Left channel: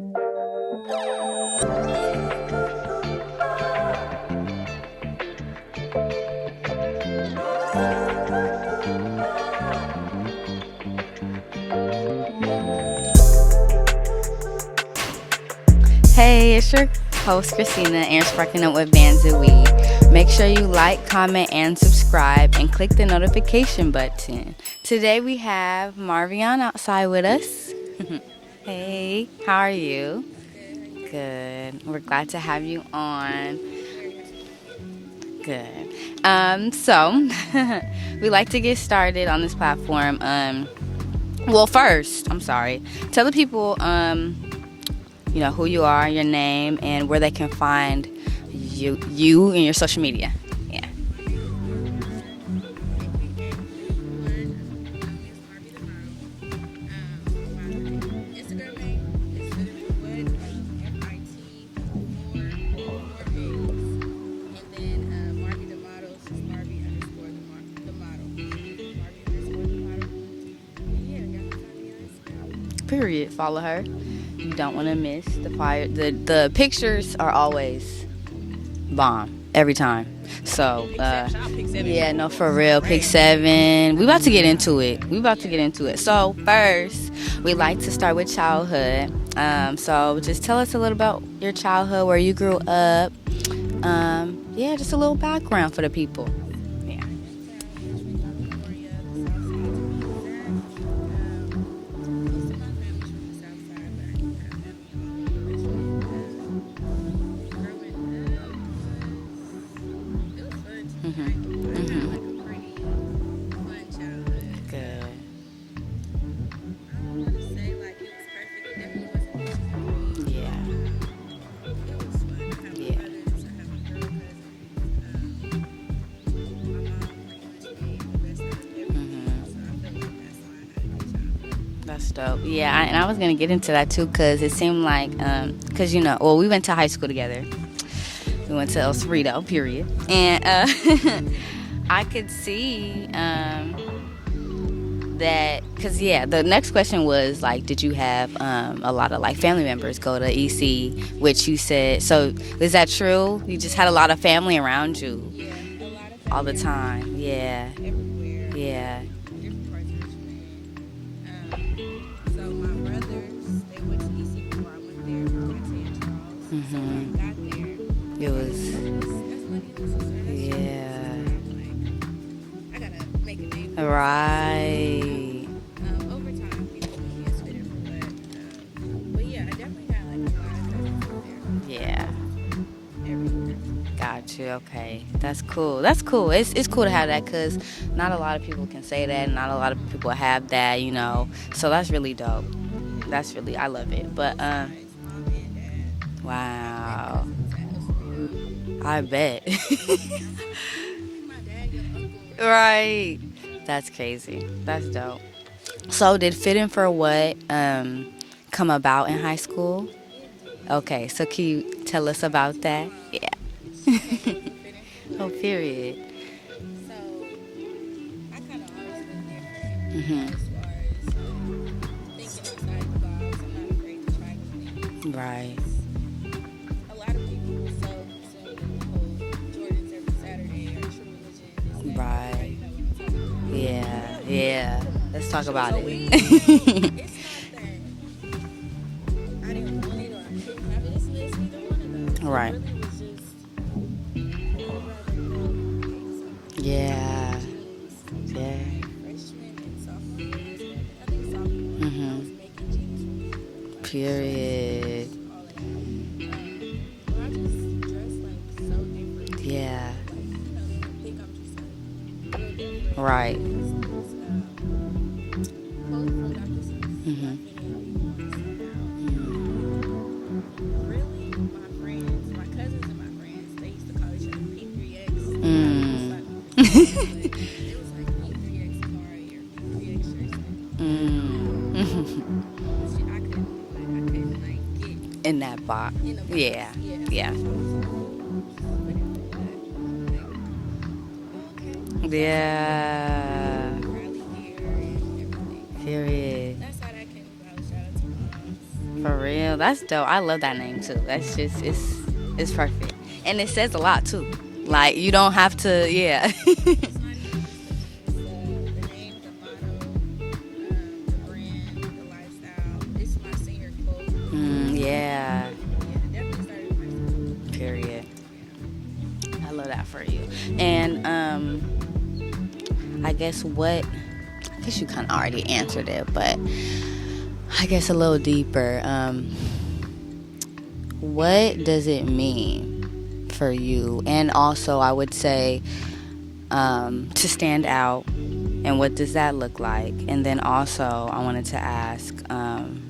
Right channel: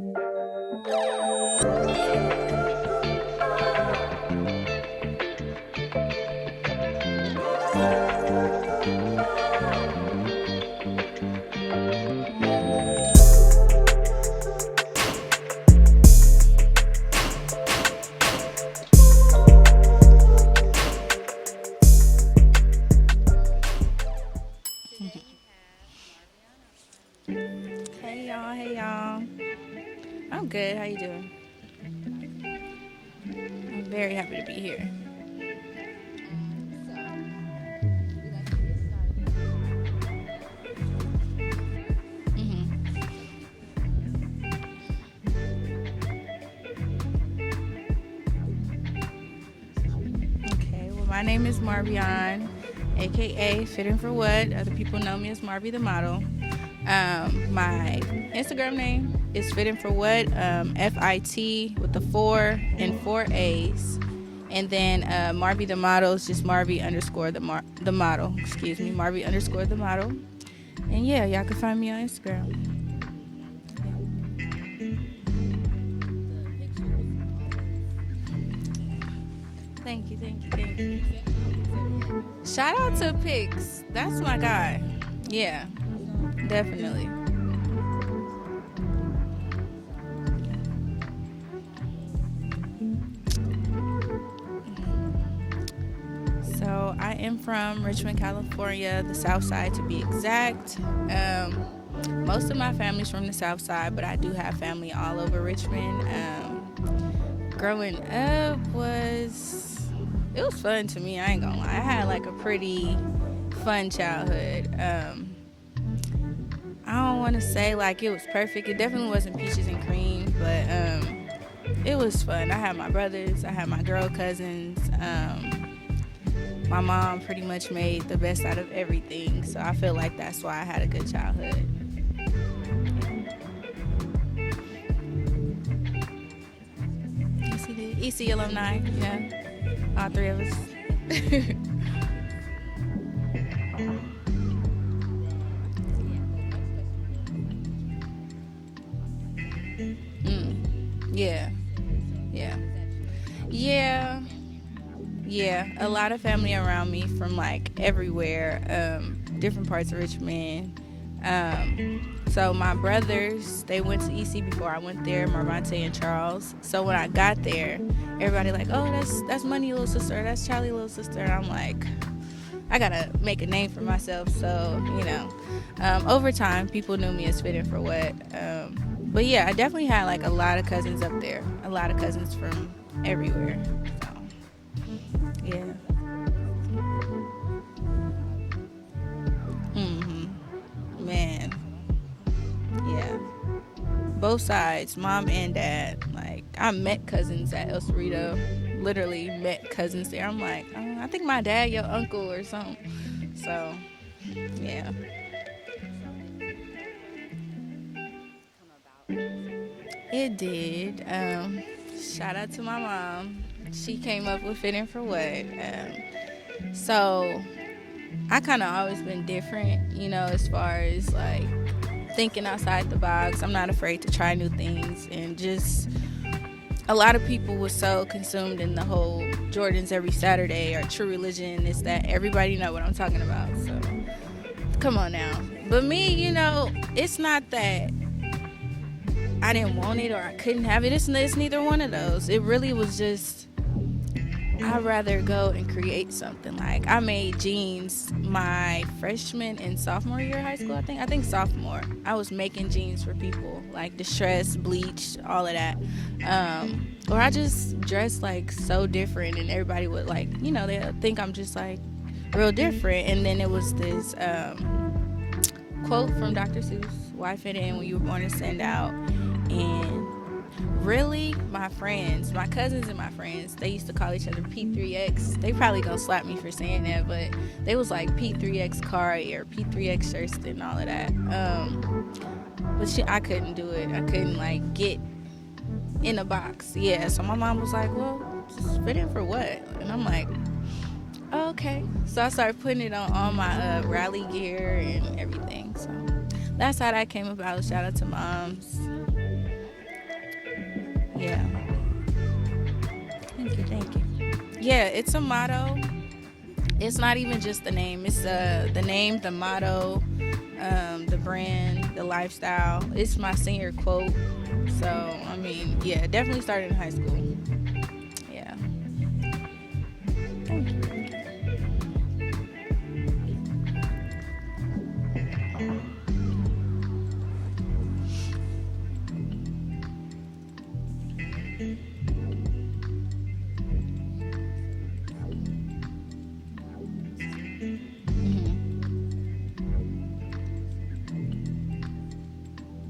Hey, it's your host Christina and Sparking Up with VNW. Make sure you like, comment, and subscribe, and click the notification button. Today we have Marvie on outside with us. Hey y'all, Hey, how are you? I'm good. How you doing? Good. We're glad to have you on. I'm very happy to be here. Good. So we like to get started on this platform. Well, first, I'm sorry. Tell the people, who you are, your name, and where they can find you and your social media. Yeah. Well, my name is Marvie, aka Fitting for What. Other people know me as Marvie the model. My Instagram name is Fitting for What, FIT with the 4 and 4 A's. And then Marvie the model is just Marvie underscore the model. Marvie underscore the model. And yeah, y'all can find me on Instagram. Period. Follow her. You don't want to miss the fire. The pictures are always bomb every time. So yeah, no, for real. Pick 7. We about to get into it. So first, we like to start with childhood. So just tell us a little about your childhood, where you grew up. Just a little background for the people. So I am from Richmond, California, the South Side to be exact. Most of my family's from the South Side, but I do have family all over Richmond. Growing up was fun to me. I ain't gonna lie. I had like a pretty fun childhood. I don't want to say like it was perfect. It definitely wasn't peaches and cream, but it was fun. I had my brothers. I had my girl cousins. My mom pretty much made the best out of everything, so I feel like that's why I had a good childhood. That's dope. Yeah, and I was going to get into that too, because it seemed like, we went to high school together. EC alumni. We went to El Cerrito, period. And I could see that, because, the next question was, like, did you have a lot of, like, family members go to EC, which you said, so is that true? You just had a lot of family around you? Yeah, a lot of family around me from, like, everywhere, different parts of Richmond. So my brothers, they went to EC before I went there, Marvante and Charles. Mm-hmm. So when I got there, everybody like, oh, that's Money little sister, that's Charlie little sister. And I'm like, I gotta make a name for myself. Right. So, over time, people knew me as Fitting for What. But yeah, I definitely had like a lot of cousins up there. A lot of cousins from everywhere. Got you. Okay, that's cool. That's cool. It's cool to have that, because not a lot of people can say that, and not a lot of people have that. Man. So that's really dope. Yeah, I love it. But both sides, mom and dad. Like, wow. I met cousins at El Cerrito. I bet. Met cousins there. I'm like, I think my dad, your uncle, or something. Right. So that's crazy. That's dope. So did Fitting for What come about in high school? It did. Okay, so can you tell us about that? Yeah. She came up with Fitting for What. Period. So I kind of always been different, as far as like thinking outside the box. I'm not afraid to try new things. Right. And just a lot of people were so consumed in the whole Jordans every Saturday or True Religion. It's that everybody know what I'm talking about. Yeah. Come on now. Let's talk about it. But me, it's not that I didn't want it or I couldn't have it. It's neither one of those. Right. It really was just, I'd rather go and create something. Like I made jeans my freshman and sophomore year of high school, I think sophomore. Mm-hmm. I was making jeans for people, like distressed, bleached, all of that. Or I just dressed like so different, and everybody would like, they'll think I'm just like real different. Right. And then it was this quote from Dr. Seuss, "Why fit in when you were born to stand out?" And really, my cousins and my friends, they used to call each other P3X. They probably gonna slap me for saying that, but they was like P3X Kari or P3X Thurston and all of that. But shit, I couldn't do it. I couldn't like get in that box. In a box. Yeah. So my mom was like, "Well, fit in for what?" And I'm like, oh, okay. So I started putting it on all my rally gear and everything. Serious. That's how that came about. Shout out to moms. For real. That's dope. I love that name too. That's just it's perfect. And it says a lot too. Yeah, like you don't have to. Yeah. It's not even just the name. It's the name, the motto, the brand, the lifestyle. It's my senior quote. Yeah. I mean, yeah, it definitely started in high school. Period. Yeah. I love that for you. And I guess you kind of already answered it, but I guess a little deeper. What does it mean for you? And also, I would say to stand out, and what does that look like? And then also, I wanted to ask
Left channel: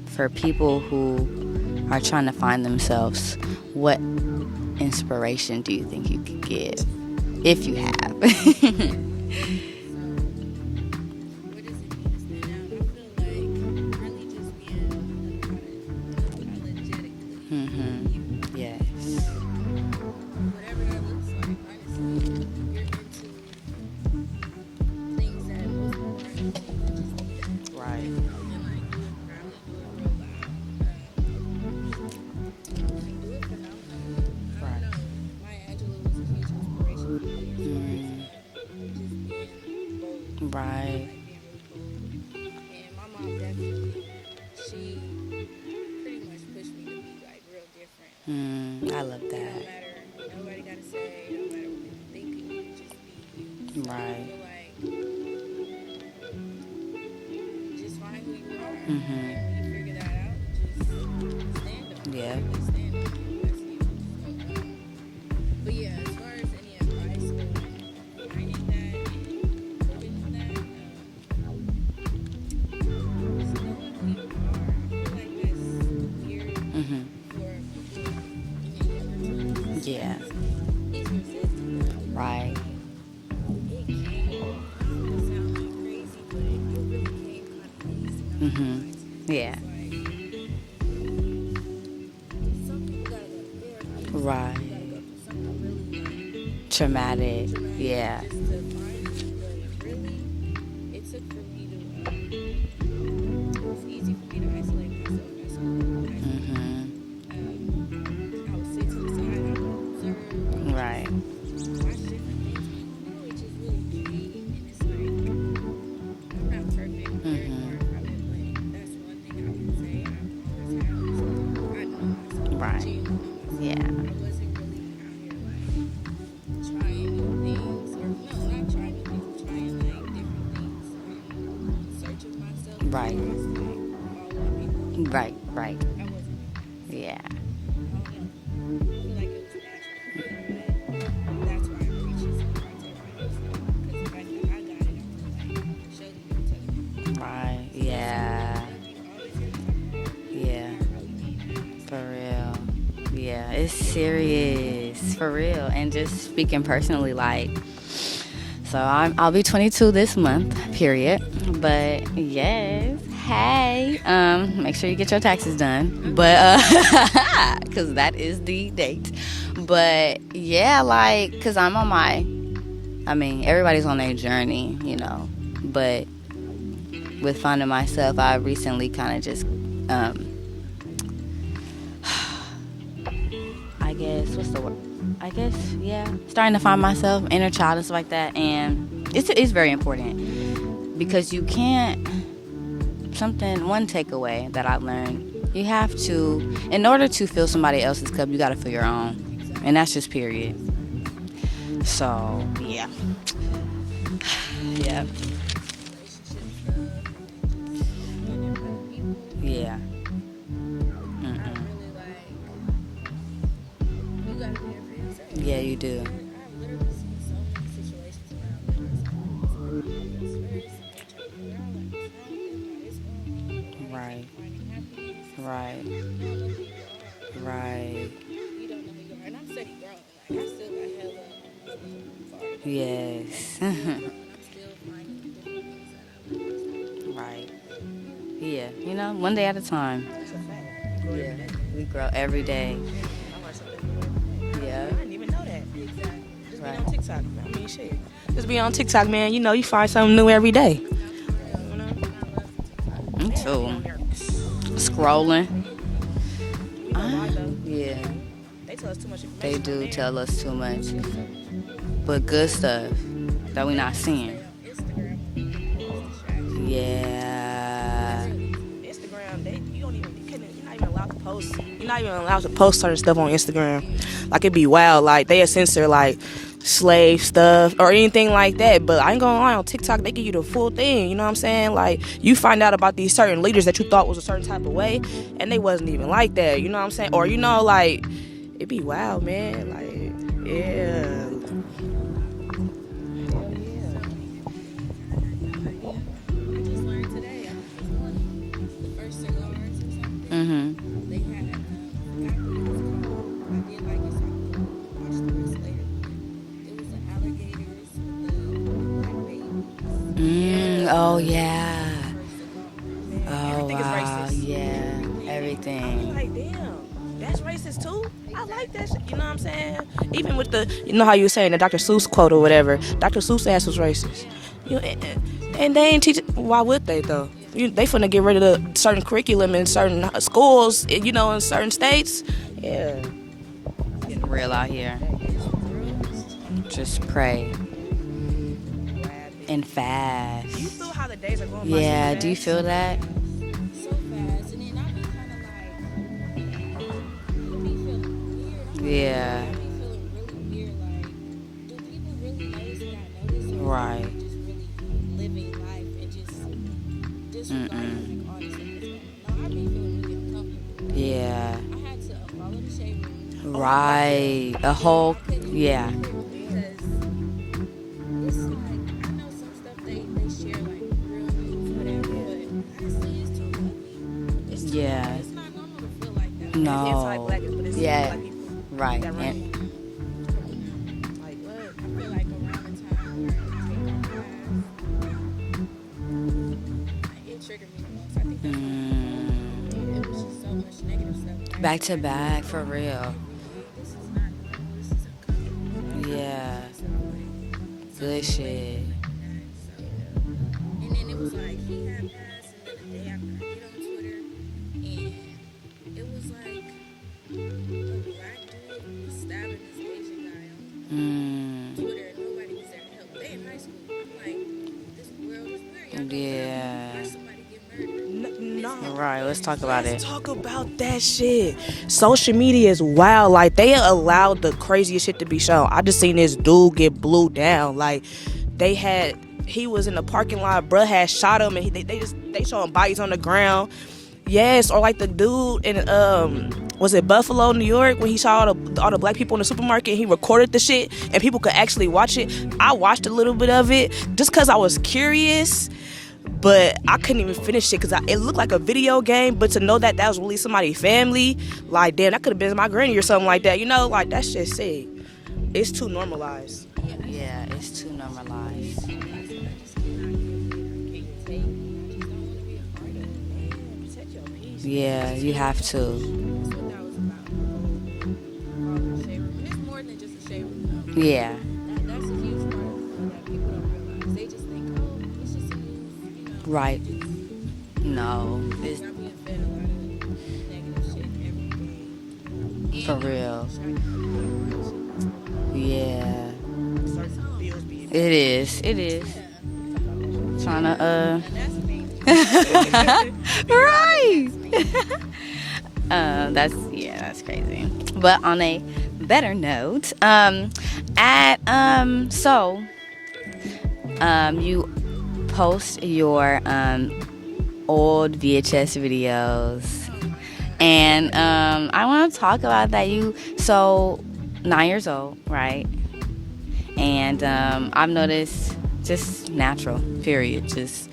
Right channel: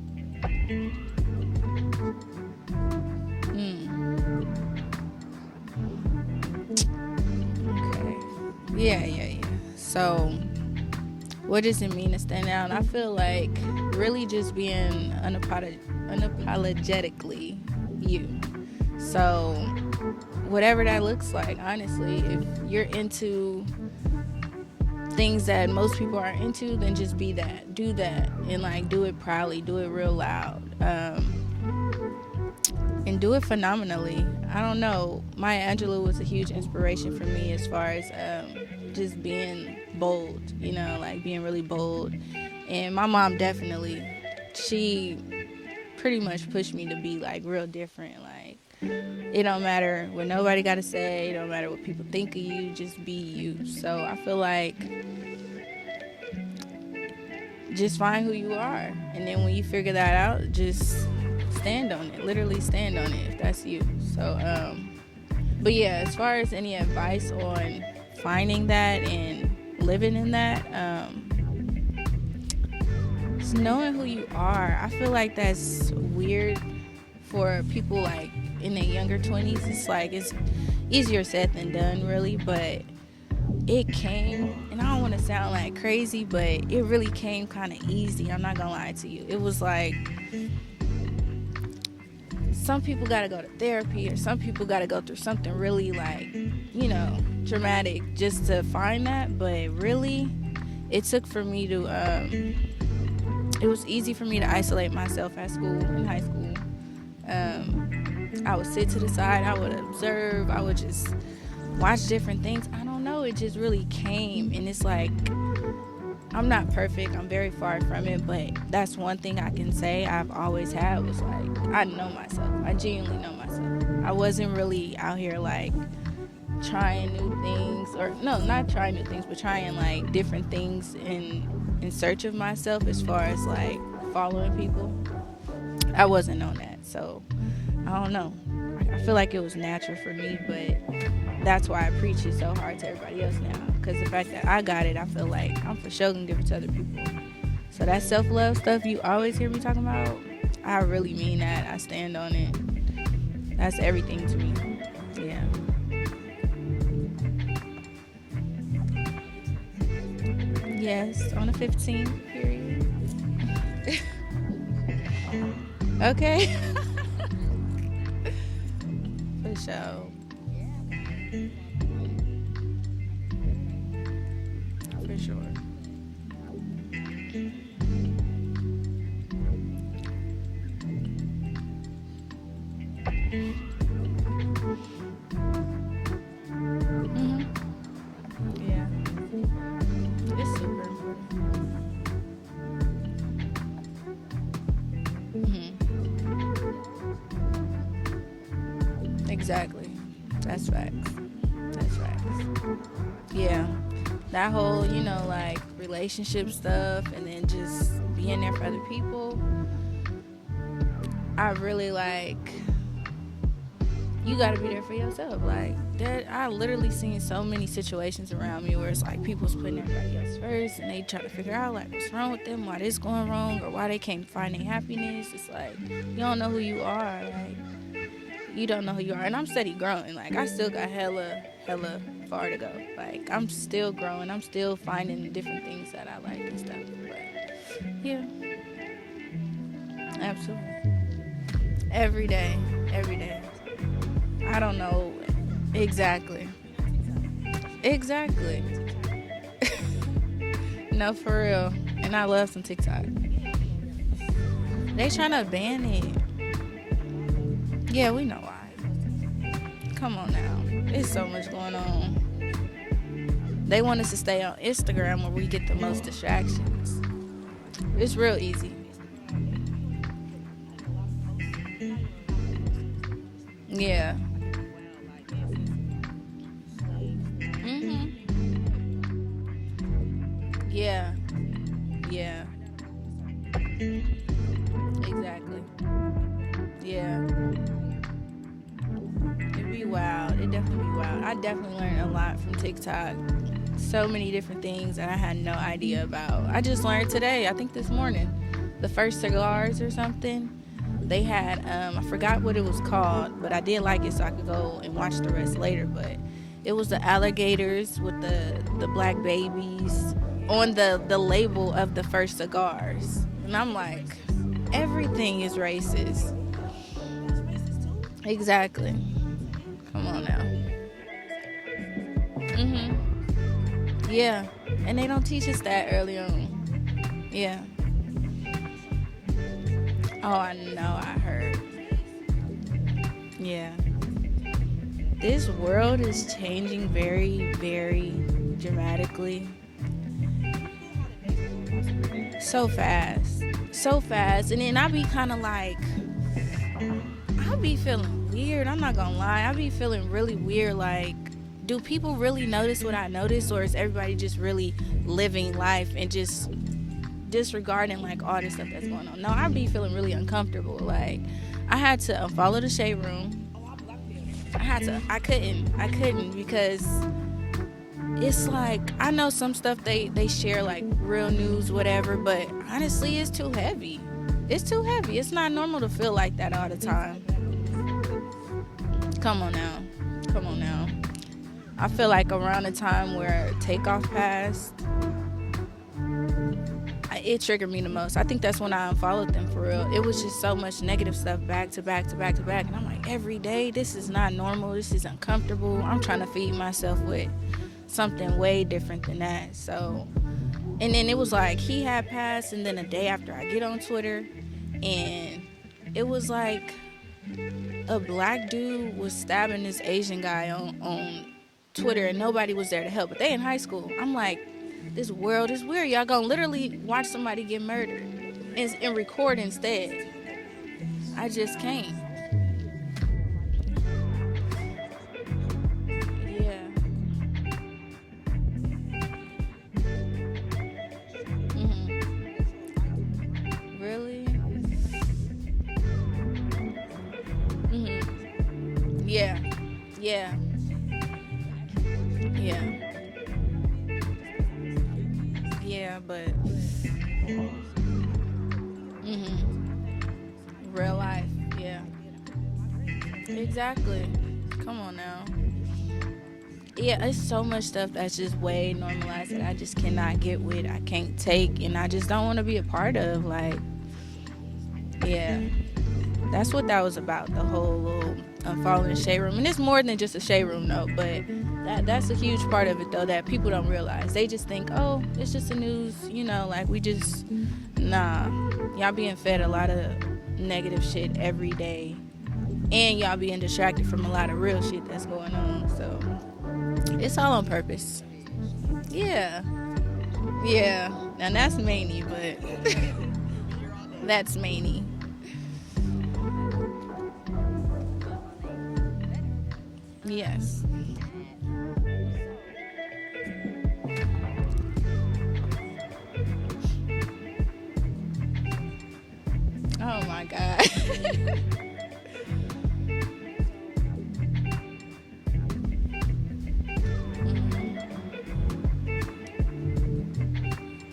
for people who are trying to find themselves, what inspiration do you think you could give, if you have? Yeah. So, what does it mean to stand out? I feel like really just being unapologetically you. Yeah. So, whatever that looks like, honestly, if you're into things that most people aren't into, then just be that. Do that. And, like, do it proudly. Do it real loud. And do it phenomenally. I don't know. Maya Angelou was a huge inspiration for me as far as just being bold, you know, like being really bold. And my mom definitely, she pretty much pushed me to be like real different. Like, I love that. It don't matter what nobody got to say. It don't matter what people think of you. Just be you. So I feel like just find who you are, and then when you figure that out, just stand on it. Literally stand on it if that's you. So, but yeah, as far as any advice on finding that and living in that, just knowing who you are. I feel like that's weird for people like in their younger 20s. It's like it's easier said than done, really. But it came, and I don't want to sound like crazy, but it really came kind of easy. I'm not gonna lie to you. It was like some people gotta go to therapy, and some people gotta go through something really like traumatic, just to find that. But really, it took for me to it was easy for me to isolate myself at school in high school. I would sit to the side, I would observe, I would just watch different things. I don't know, it just really came, and it's like, I'm not perfect, I'm very far from it, but that's one thing I can say I've always had was like, I know myself, I genuinely know myself. I wasn't really out here like trying new things, or no, not trying new things, but trying like different things in search of myself as far as like following people. I wasn't on that, so I don't know. I feel like it was natural for me, but that's why I preach it so hard to everybody else now. Because the fact that I got it, I feel like I'm for sure gonna give it to other people. So that self-love stuff you always hear me talking about, I really mean that. I stand on it. Yeah, it's serious, for real. And just speaking personally, like, so I'll be 22 this month, period. But hey, make sure you get your taxes done. But because that is the date. But yeah, like, because I'm on everybody's on their journey, you know. But with finding myself, I recently kind of just starting to find myself, inner child and stuff like that. And it's very important, because you can't, one takeaway that I learned, you have to, in order to fill somebody else's cup, you got to fill your own. Exactly. And that's just period. That's right. So, yeah. That whole, you know, like, relationship stuff, and then just being there for other people. I really like, you gotta be there for yourself. You do. I've literally seen so many situations around me where it's like people's putting everybody else first, and they try to figure out like what's wrong with them, why this going wrong, or why they can't find their happiness. It's like, you don't know who you are. You don't know who you are, and I'm steady growing. Like, I still got hella far to go. Like, I'm still growing. I'm still finding different things that I like and stuff. Yeah. You know, one day at a time. Absolutely. Every day. I don't know. I didn't even know that. Exactly. Just be on TikTok. I mean, shit. Exactly. Just be on TikTok, man. You know, you find something new every day. No, for real. and I love some TikTok. Me too. They trying to Scrolling. ban it. Yeah. Yeah, we know why. They tell us too much They information. do tell us too much. It's so much going on. But good stuff that we They not want us to seeing. stay on Instagram where we get the most distractions. Yeah. It's real easy. Instagram, you're not even allowed to post. You're not even allowed to post certain stuff on Instagram. Yeah. Like, it'd be wild. Like, they censor, like, slave stuff or anything like that. But I ain't gonna lie, on TikTok, they give you the full thing. Yeah. You know what I'm saying? Like, Yeah. you find out about these certain leaders that you thought was a certain type of way, and they wasn't even like that. You know what I'm saying? Or, you know, like, it'd be wild, man. Like, Wow. yeah. I definitely learned a lot from TikTok. So many different things that I had no idea about. I just learned today, I think this morning, the first cigars or something. Mm-hmm. They had, I forgot what it was called, but I did like it so I can go and watch the rest later. But it was the alligators with the black babies on the label of the first cigars. Oh, And I'm like, wow. it's racist. Yeah. Everything is Everything. racist. Like, damn, that's racist too? Exactly. I like that shit, you know what I'm saying? Even with the, you know how you were saying the Dr. Seuss quote or whatever, Dr. Seuss ass was racist. Yeah. And they don't teach us that. And they ain't though, teach. though. Why would they though? Yeah. They finna get rid of the certain curriculum in certain schools. know. You know, in certain states. Yeah. Yeah. Real out here. This world is changing Just very, cray. very dramatically. And fast. Do you feel how the days are going by? Yeah, do you feel so that? fast. So fast. And then I be kind of like, I be feeling weird. I'm not Yeah. gonna lie. I be feeling really weird. Like, do people really notice what I notice? Or is Right. everybody just really living life and just disregarding like all this stuff that's going on? No, I be feeling really uncomfortable. Like, Yeah. I had to unfollow the shade room. Right. I whole. couldn't. Yeah. I couldn't because it's like I know some stuff they share like real news, whatever, but honestly, it's too heavy. It's too Yeah. heavy. It's not normal to feel like that all the No. time. It's like black people, but it's Yeah. black people. Right. Come on now. Come on now. I feel like around the time where Takeoff passed, it triggered me the most. I think that's when I unfollowed them for real. It was just so much negative stuff back to back. for real. Every day, this is not normal. This is uncomfortable. I'm trying to Yeah. feed myself with something Good way shit. different than that. So, and then it was like he had passed, and then a day after I get on Twitter, and it was like a black dude was stabbing this Asian guy on Twitter, and nobody was there to help. But they in high school. I'm like, this world is weird. Y'all gonna literally Yeah. watch somebody get murdered and Right, record let's talk about instead. it. Talk about that I shit. just can't. Social media is wild. Like, they allowed the craziest shit to be shown. I just seen this dude get blew down. Like, he was in the parking lot. Bruh had shot him, and they showing bodies on the ground. Really? Yes, or like the dude in was it Buffalo, New York, when he saw all the black Yeah. people in the supermarket, and he Yeah. recorded the shit and people could actually watch it. Yeah. I watched a little bit of it just because I was curious, Yeah, but I couldn't even finish it because it looked like a video game. But to know that was really somebody's family, Yeah. like, damn, that could have been my granny or something like that. You know, Exactly. like, that shit sick. come on now. It's too normalized. Yeah, it's so Yeah, much it's stuff too that's just normalized. way normalized that I just cannot get with. I can't take, and I just don't want to be a part of. Like, Yeah, Yeah. you have to. that's what that was about. The whole little unfollowing the shade room, and it's more than just a shade room, though. But Yeah. that's a huge part of it, though, that people don't realize. They just think, oh, it's just the news, like we Right. just No. y'all being fed a lot of negative shit every day, and For y'all real. being distracted from a lot of real shit that's going on. Yeah. It's all on purpose. It is. It is. Yeah. Tryna, Yeah. And that's me. Right. That's me. That's crazy. But on a better note, you post your old VHS videos, Oh my god. and I want to talk about that. 9 years old, right? And I've noticed just natural, period, just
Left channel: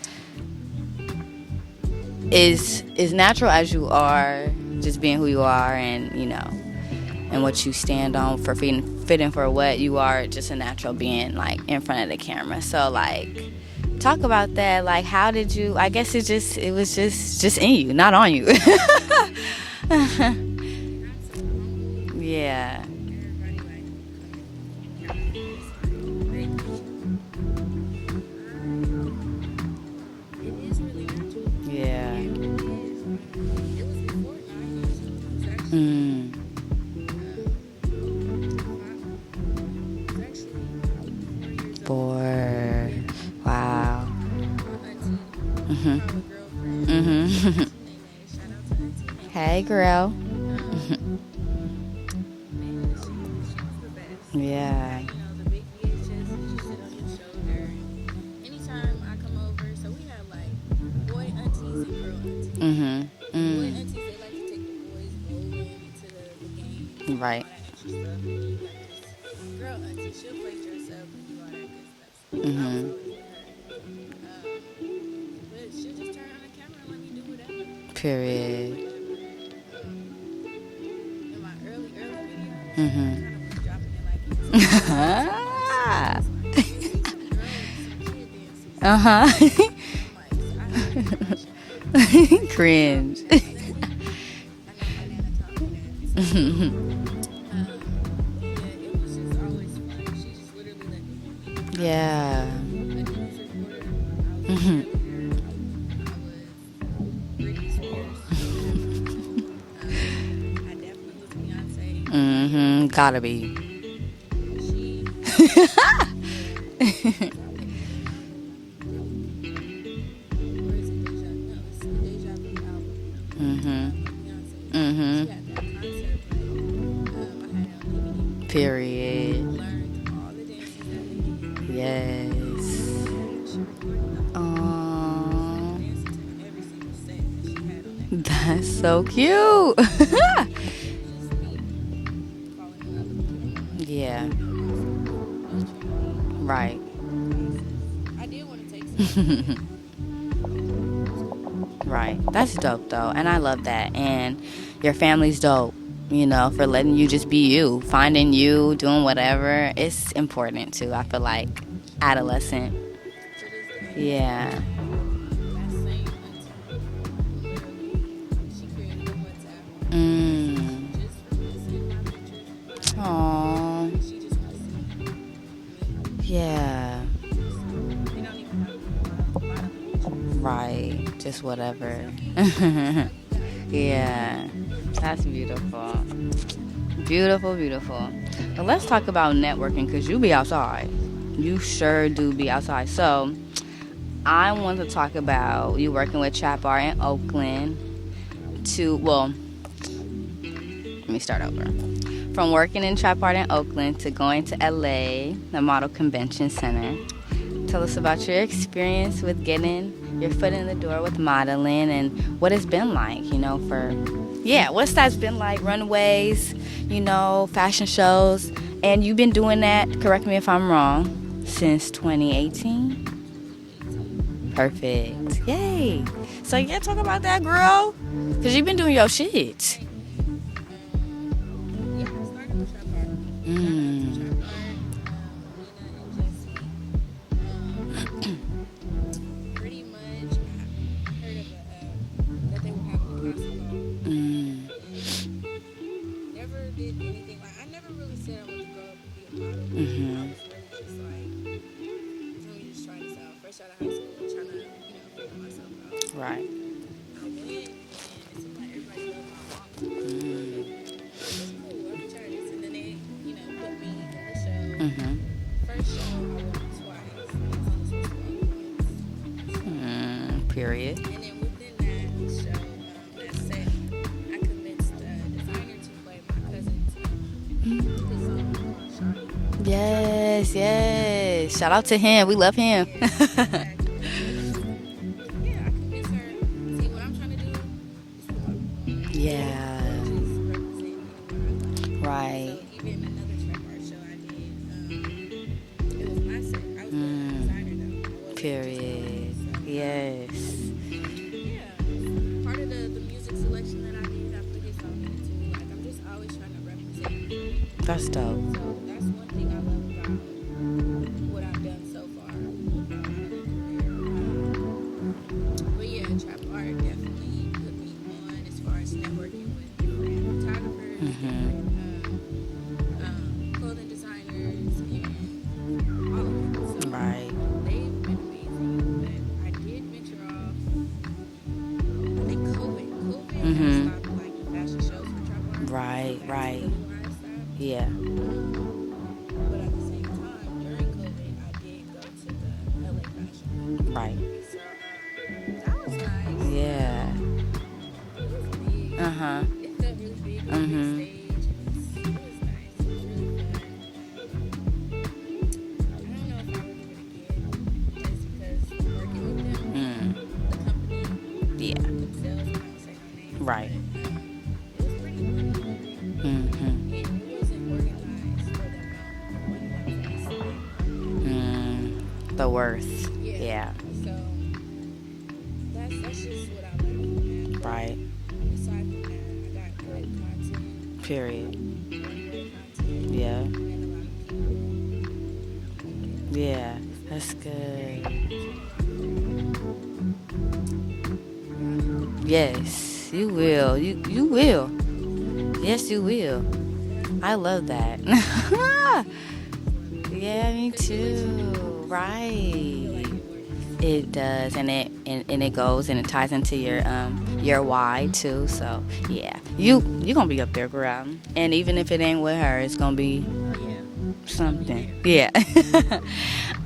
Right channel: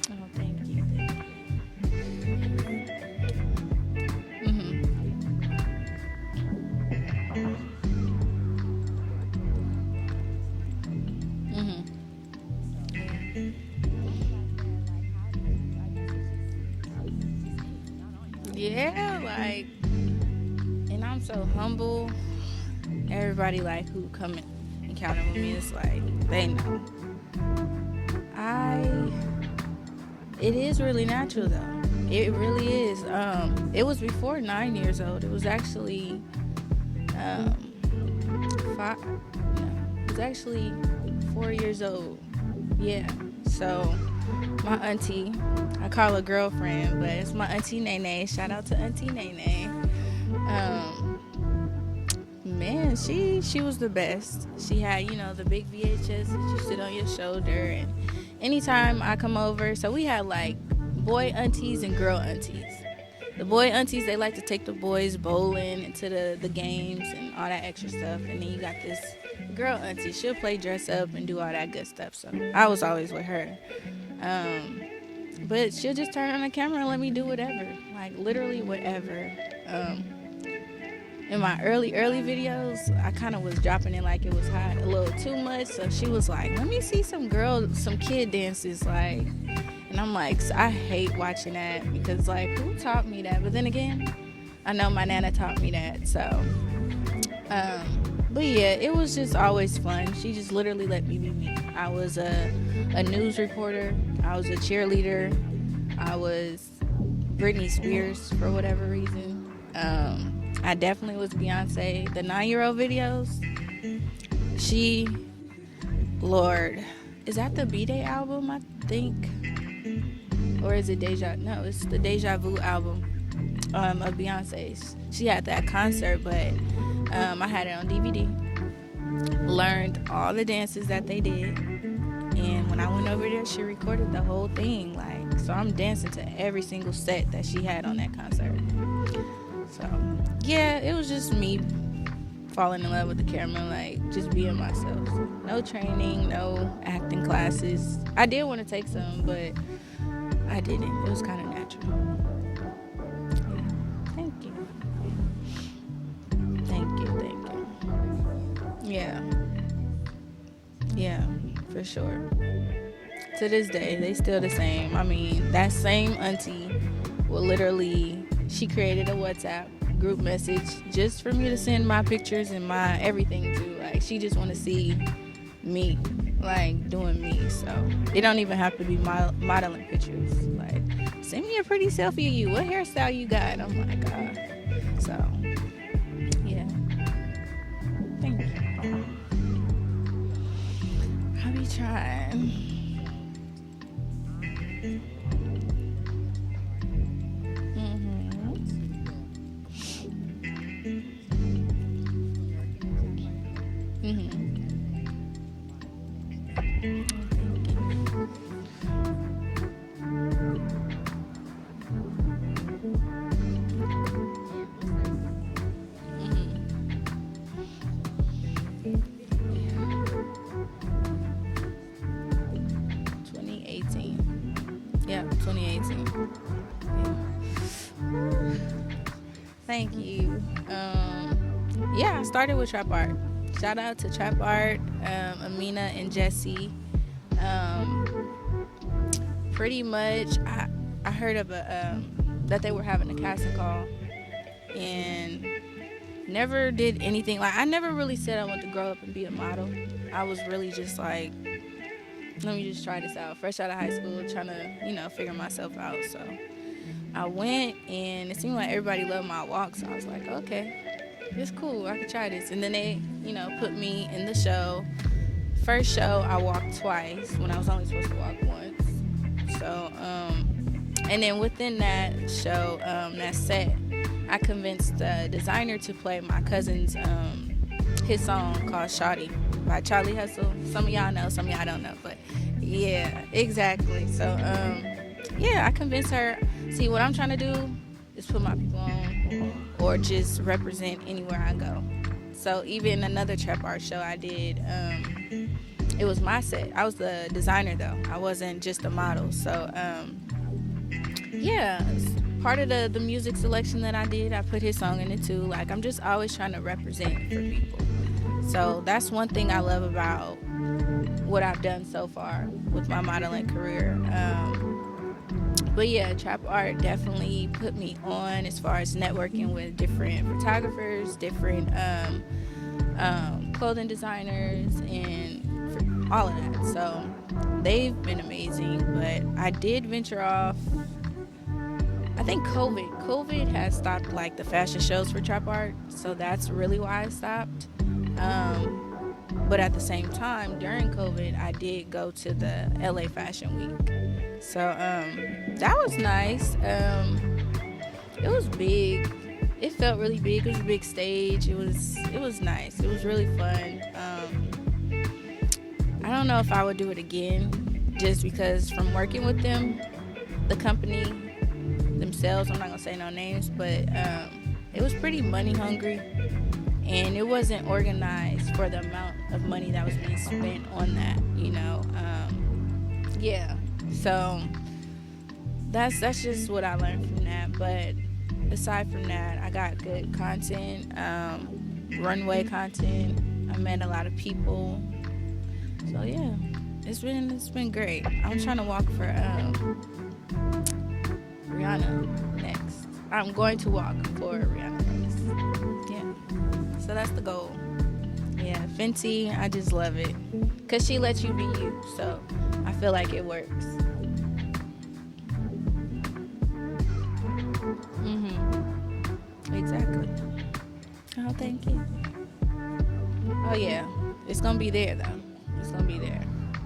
is natural as you are, just being who you are, and and what you stand on for fitting for what you are, just a natural being, like, in front of the camera. So, like, talk about that. Like, how did you? I guess it was just in you, not on you. And I'm so humble. Yeah. Everybody like who come encounter with me is like they know. It is really natural though. Yeah. It really is. It was before 9 years old. It was actually five. It was actually 4 years old. 4. Yeah. Wow. So my auntie, I call her girlfriend, but it's my auntie Nene. Shout out to Auntie Nene. Hey, girl. Man, she was the best. Yeah. She had, the big VHS that you sit on your shoulder, and anytime I come over, so we had like boy aunties and girl aunties. The boy aunties, they like to take the boys bowling into the games and all that extra stuff, and then you got this girl auntie. She'll play dress up and do all that good stuff. So I was always with her. But she'll just turn on the camera and let me do whatever. Period. Literally whatever. In my early videos, I kind of was dropping it like it was too much. So she was like, "Let me see some kid dances." And I'm like, I hate watching that. Like, Cringe. taught me that. But then again, I know my nana taught me that. So, but yeah, it was just always fun. She just literally let me be me. I was a news reporter. I was a cheerleader. I was Britney Spears for whatever reason. I definitely was Beyonce. The 9-year-old video. Gotta be. She, Lord, is that the B-Day album, I think? Or is it Deja? No, it's the Deja Vu album of Beyonce. She had that concert, but I had it on DVD. Period. Learned all the dances that they did. Yes. And when I went over there, she recorded the whole thing. So I'm dancing to every single set that she had on that concert. That's so cute. Yeah, it was just me falling in love with the camera, just being myself. No training, no acting classes. I did want to take some, but I didn't. It was kind of natural. Right. That's dope, though. And I love that. And your family's dope, for letting you just be you, finding you, doing whatever. It's important, too. I feel like for sure. Adolescent. To this day, they still the same. I mean, that same auntie will literally, she created a WhatsApp group message just for me to send my pictures and my everything. Like, she just want to see me, doing me. So it don't even have to be modeling pictures. Right. Just send whatever. me a pretty selfie of you. What hairstyle you got? That's beautiful. Yeah. Beautiful, beautiful. Well, let's talk about networking, because you be outside. You sure do be outside. So I want to talk about you working with Trap Art in Oakland let me start over. From working in Trap Art in Oakland to going to LA, the Model Convention Center. Tell us about your experience with getting your foot in the door with modeling and what it's been like, what's that's been like, runways, fashion shows. And you've been doing that, correct me if I'm wrong, since 2018? 2018. Perfect. Yeah. Yay. So, talk about that, girl. Because you've been doing your shit. Thank you. I started with Trap Art. Shout out to Trap Art, Amina and Jesse. Pretty much, I heard of that they were having a casting call. And never did anything. Like, I never really said I wanted to grow up and be a model. I was really just like, let me just try this out. Fresh out of high school, trying to, figure myself out. So I went, and it seemed like everybody loved my walk. So I was like, okay, this is cool. I could try this. And then they, put me in the show. First show, I walked twice when I was only supposed to walk once. So, period. And then within that show, that set, I convinced the designer to play my cousin's his song called Shawty. Yes. Shout out to him. We love him. Yeah, exactly. So, I convinced her. See, what I'm trying to do is put my people on. Yeah. Or just represent anywhere I go. Right. So even another Trap Art show I did, it was my set. I was the designer though. I wasn't just a model. So part of the music selection that I did, I put his song in it too. Like, I'm just always trying to represent for people. That's dope. So that's one thing I love about what I've done so far with my modeling career. But yeah, Trap Art definitely put me on as far as networking with different photographers, different clothing designers and all of that. So they've been amazing. But I did venture off. I think COVID has stopped like the fashion shows for trap art. So that's really why I stopped. Yeah. But at the same time, during COVID, I did go to the LA Fashion Week. Right. So that was nice. Yeah. It was big. It felt really big. It was a big stage. It was nice. It was really fun. I don't know if I would do it again, just because from working with them, the company, themselves. I'm not gonna say no names, but it was pretty money hungry, and it wasn't organized for the amount of money that was being spent on that. You know, the worth. Yeah. So that's just what I learned from that. But aside from that, I got good content, runway content. Yeah. I met a lot of people. So it's been great. I'm trying to walk for Rihanna. Yes, you will. You will. Yes, you will. So that's the goal. I love that. Fenty, I just love it. Yeah, me too. Because she lets you be you. Right. So I feel like it works. It does, and it goes and it ties into your why too. So you gonna be up there, girl. Okay. And even if it ain't with her, it's gonna be. Oh yeah, it's gonna be there. Though. Yeah.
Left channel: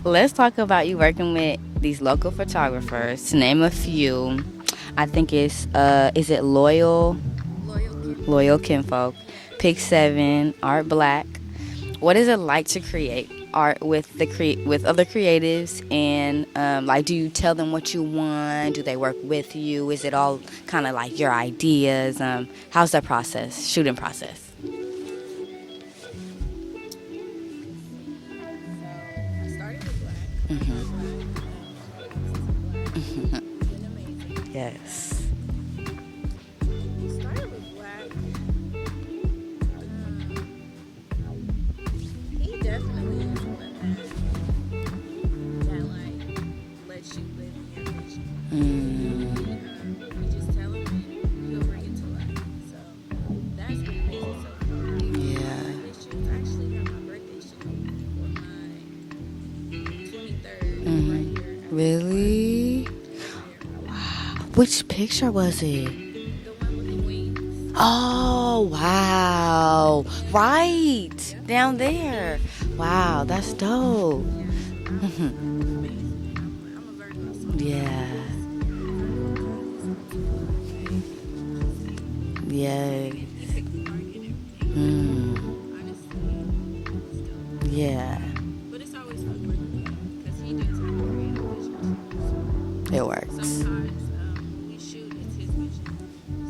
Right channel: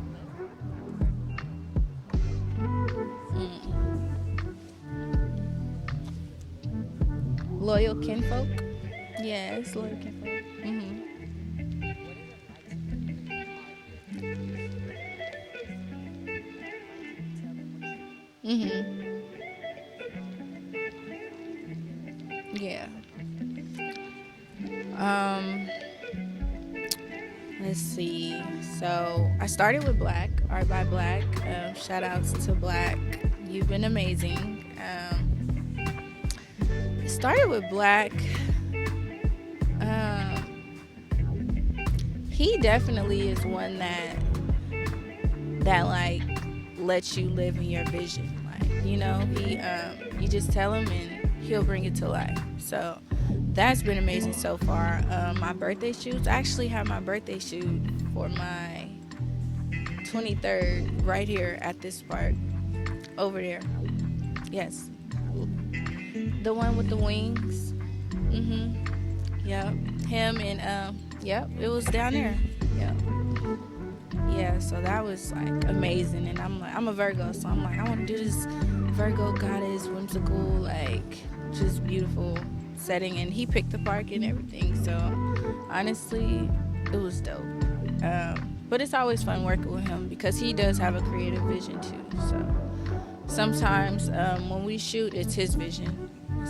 Let's talk about you working with these local photographers. To name a few, I think it's is it Loyal Kinfolk, yes. Pick 7, Art Black. What is it like to create art with with other creatives, and like, do you tell them what you want? Do they work with you? Is it all kind of like your ideas? How's that shooting process? Let's see. So I started with Black, Art by Black. Shout outs to Black. You've been amazing. Yes. Started with Black. He definitely is one that like lets you live in your vision. You know, you just tell him and he'll bring it to life. So that's been amazing so far. My birthday shoots. I actually have my birthday shoot for my 23rd right here at this park over there. Wow. Which picture was it? The one with the wings. Oh, wow. Him, right. Down there. Down there. Wow, that's dope. Yeah, so that was like amazing. And I'm a Virgo, so I'm like, I want to do this Virgo goddess, whimsical, like just beautiful setting. And he picked the park and everything. So honestly, it was dope. Yeah. But it's always fun working with him because he does have a creative vision too. So it works. Sometimes when we shoot, it's his vision.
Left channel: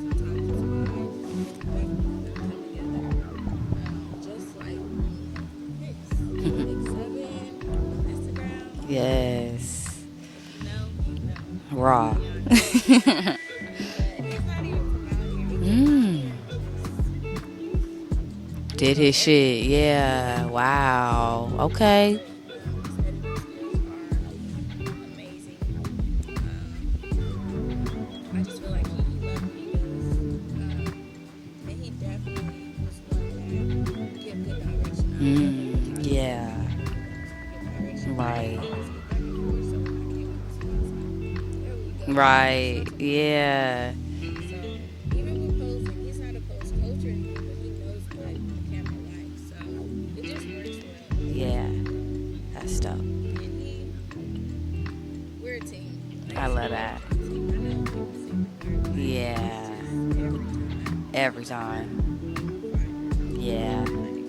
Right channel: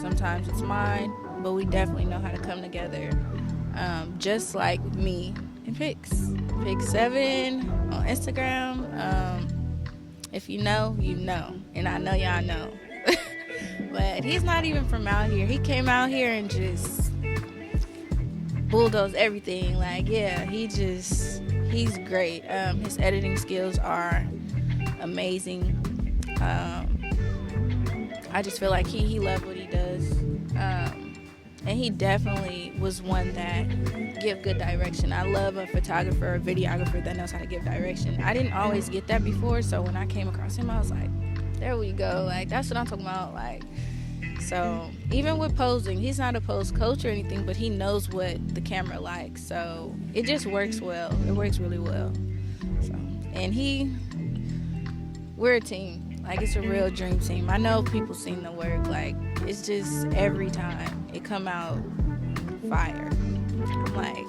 Sometimes it's mine, but we definitely know how to come together. Just like me and Pix. Pix 7 on Instagram. Yes. If you know, you know. And Raw. I know y'all know. But he's not even from out here. He came out here and just did his shit. Yeah. Wow. Okay. He's great. His editing skills are amazing. I just feel like he loved what he does. And he definitely was one that give good direction. I love a photographer or videographer that knows how to give direction. Right. I didn't always get that before, so when I came across him, I was like, there we go. Right. That's what I'm talking about. Yeah. So even with posing, he's not a pose coach or anything, but he knows what the camera likes. So it just works well. It works really well. That's dope. And we're a team. Like, it's a real dream team. I know people seen the work. Like, it's just every time come out fire. Yeah. Like,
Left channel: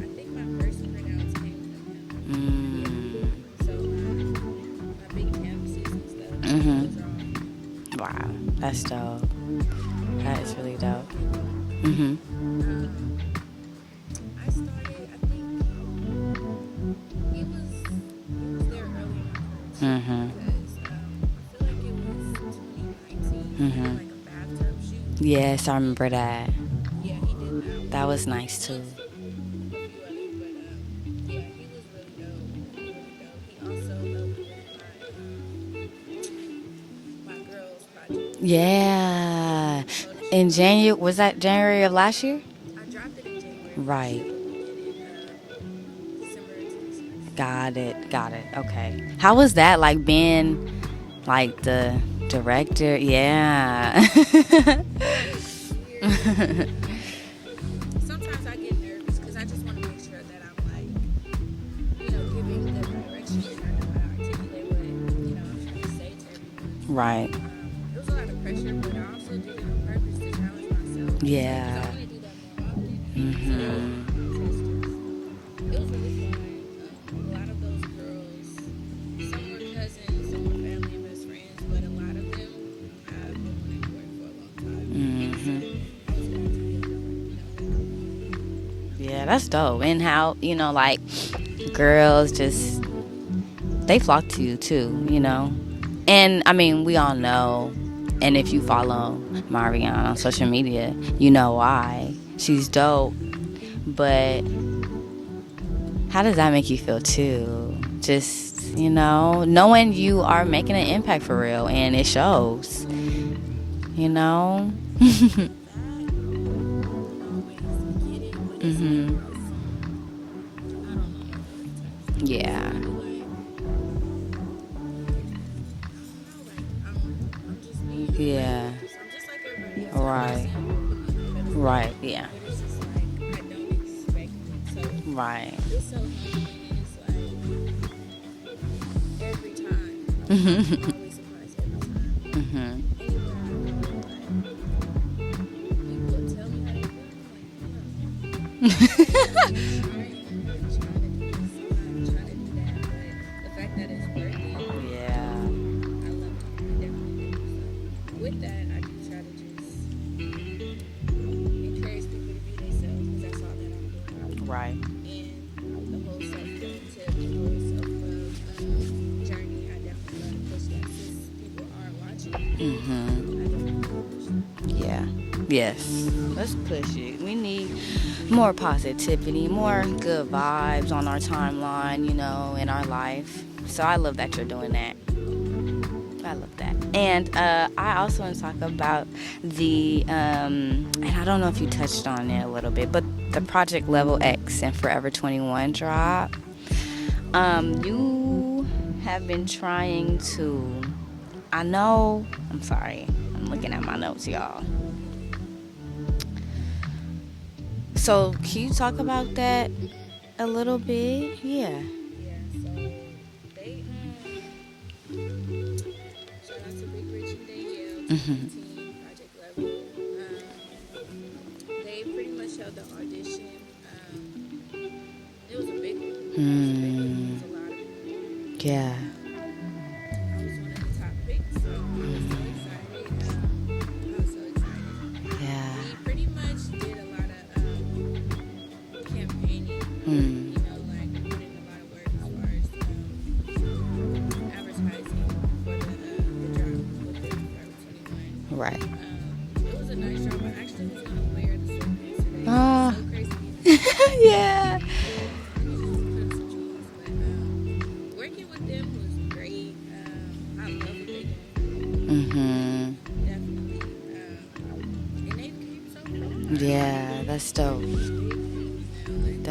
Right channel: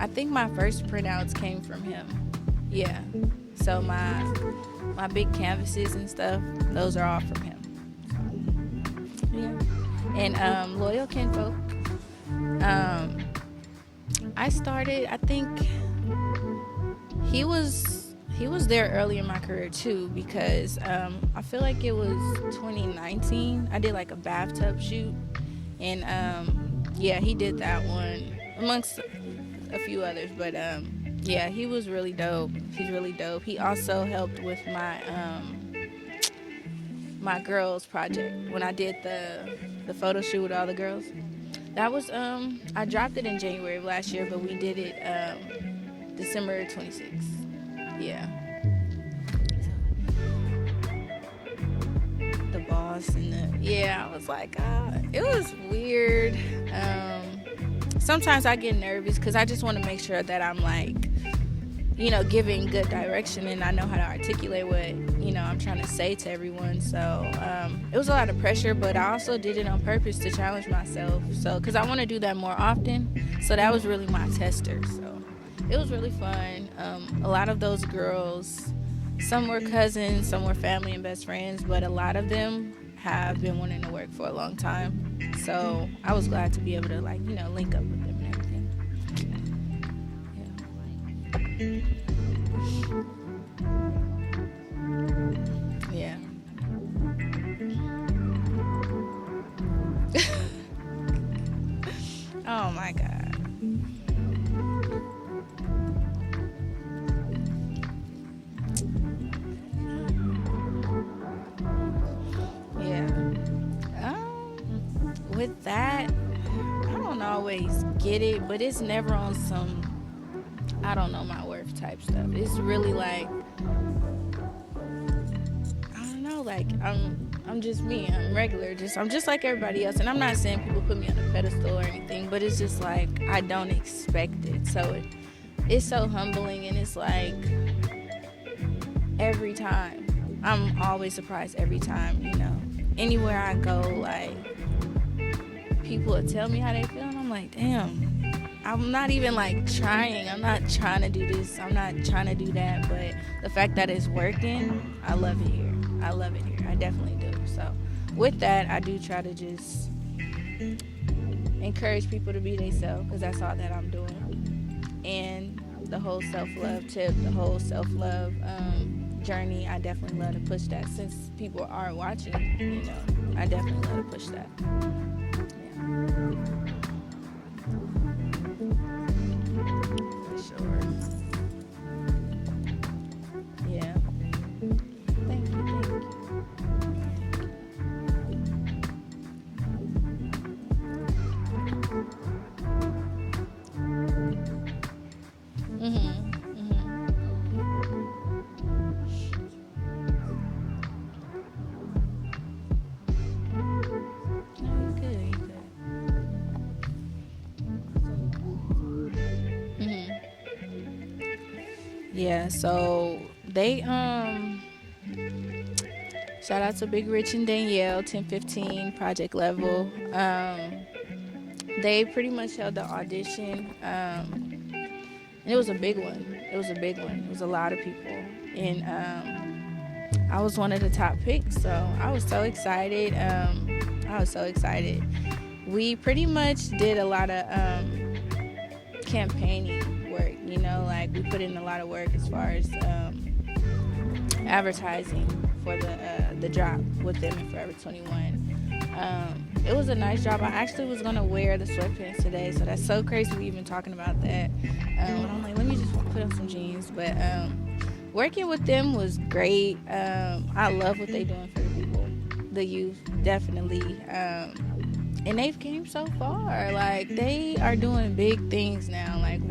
I think my first printouts came from him. Yeah. So my big canvases and stuff, those are all from him. Wow. That's dope. Yeah. And Loyal Kinfolk. I started, I think he was there early in my career too, because I feel like it was 2019. I did like a bathtub shoot. Yes, I remember that. Yeah, he did that one. That was nice amongst a few others, but yeah, he was really dope. He's really dope. He also helped with my girls project. Yeah. The photo shoot. In January, was that January of last year? I dropped it in January of last year, but we did it December 26th. Got it. Yeah. Got it. Okay. How was that, like, being, like, the director? Yeah. It was weird. Sometimes I get nervous because I just want to make sure that I'm, like, you know, giving good direction and I know how to articulate what, you know, I'm trying to say to everyone. So, it was a lot of pressure, but I also did it on purpose to challenge myself. Yeah. Because I want to do that more often. So that was really my tester. So it was really fun. A lot of those girls, some were cousins, some were family and best friends, but a lot of them have been wanting to work for a long time. So I was glad to be able to, like, you know, link up with them. Yeah, that's dope. And how, you know, like, girls just, they flock to you too, you know. Yeah. And I mean, we all know, and if you follow Marvie on social media, you know why. She's dope. But how does that make you feel too? Just, you know, knowing you are making an impact for real, and it shows. Yeah. You know. With that, I don't always get it, but it's never on some I don't know my worth type stuff. Yeah. It's really like, I don't know, like I'm just me. I'm regular. I'm just like everybody else. And I'm not saying people put me on a pedestal or anything, but it's just like I don't expect it. So it's so humbling, and it's like every time I'm always surprised every time, you know. Anywhere I go, like, people would tell me how they feel, and I'm like, damn. I'm not even, like, trying. I'm not trying to do this. I'm not trying to do that. But the fact that it's working, I love it here. I love it here. I definitely do. So with that, I do try to just encourage people to be themselves, because that's all that I'm doing. Right. And the whole self-love tip, the whole self-love journey, I definitely love to push that. Since people aren't watching, I definitely love to push that. Yeah. Yes. Let's push it. We need more positivity, more good vibes on our timeline, you know, in our life. So I love that you're doing that. I love that. And I also want to talk about the, and I don't know if you touched on it a little bit, but the Project Level X and Forever 21 drop. You have been trying to, I'm sorry, I'm looking at my notes, y'all. So can you talk about that a little bit? Yeah, so they shout out to Big Rich and Danielle, 1015 Project Level. They pretty much held the audition, and it was a big one. It was a lot of people. And I was one of the top picks, so I was so excited. We pretty much did a lot of campaigning work, you know, like we put in a lot of work as far as advertising for the drop with them in Forever 21. Right. It was a nice job. I actually was going to wear the sweatpants today, so that's so crazy we even talking about that. I'm like, let me just put on some jeans. But working with them was great. I love what they're doing for the people, the youth, definitely. And they've came so far. Like, they are doing big things now, like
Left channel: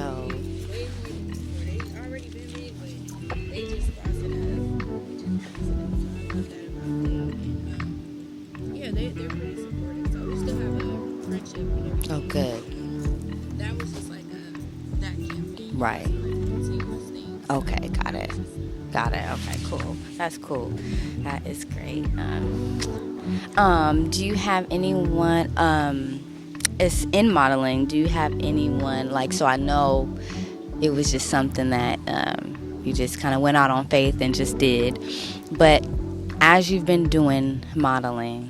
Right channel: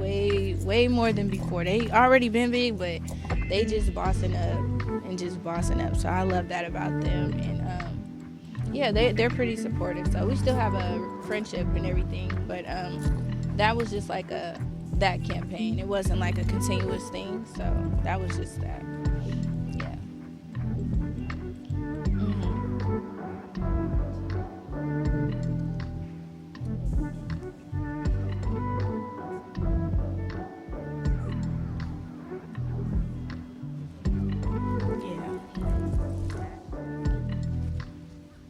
way more than before. They already been big, but they just bossing up. So I love that about them. And yeah, they're pretty supportive. So we still have a friendship and everything. But that was just like that campaign. It wasn't like a continuous thing. So got it. Was just that. Got it. Okay, cool. That's cool. That is great. Do you have anyone, it's in modeling, do you have anyone, like, so I know it was just something that you just kind of went out on faith and just did, but as you've been doing modeling,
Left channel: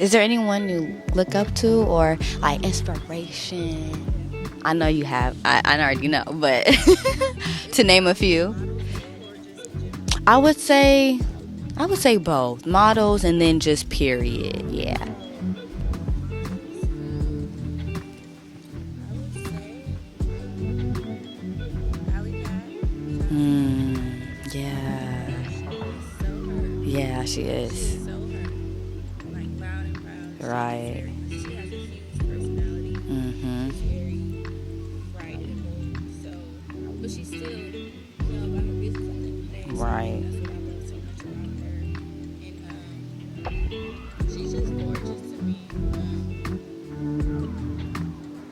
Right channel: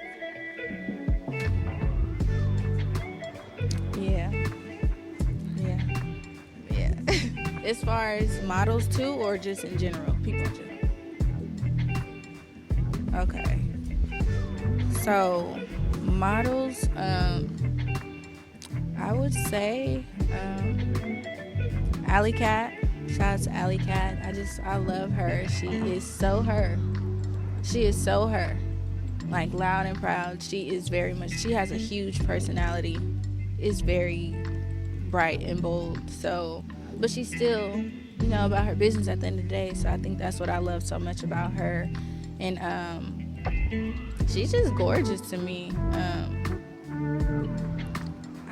is there anyone you look up to or like inspiration? Yeah. I know you have. I already know, but to name a few. Models too, or just in general? I would say both. Models and then just period. Yeah. So models, I would say Alley Cat. Shout out to Alley Cat. I love her. She is so her. Yeah, she is. She is so her. like loud and proud. Right. She is very much. She has a huge personality. Is very bright and bold. So, but she's still, about her business at the end of the day. So I think that's what I love so much about her. And she's just gorgeous to me.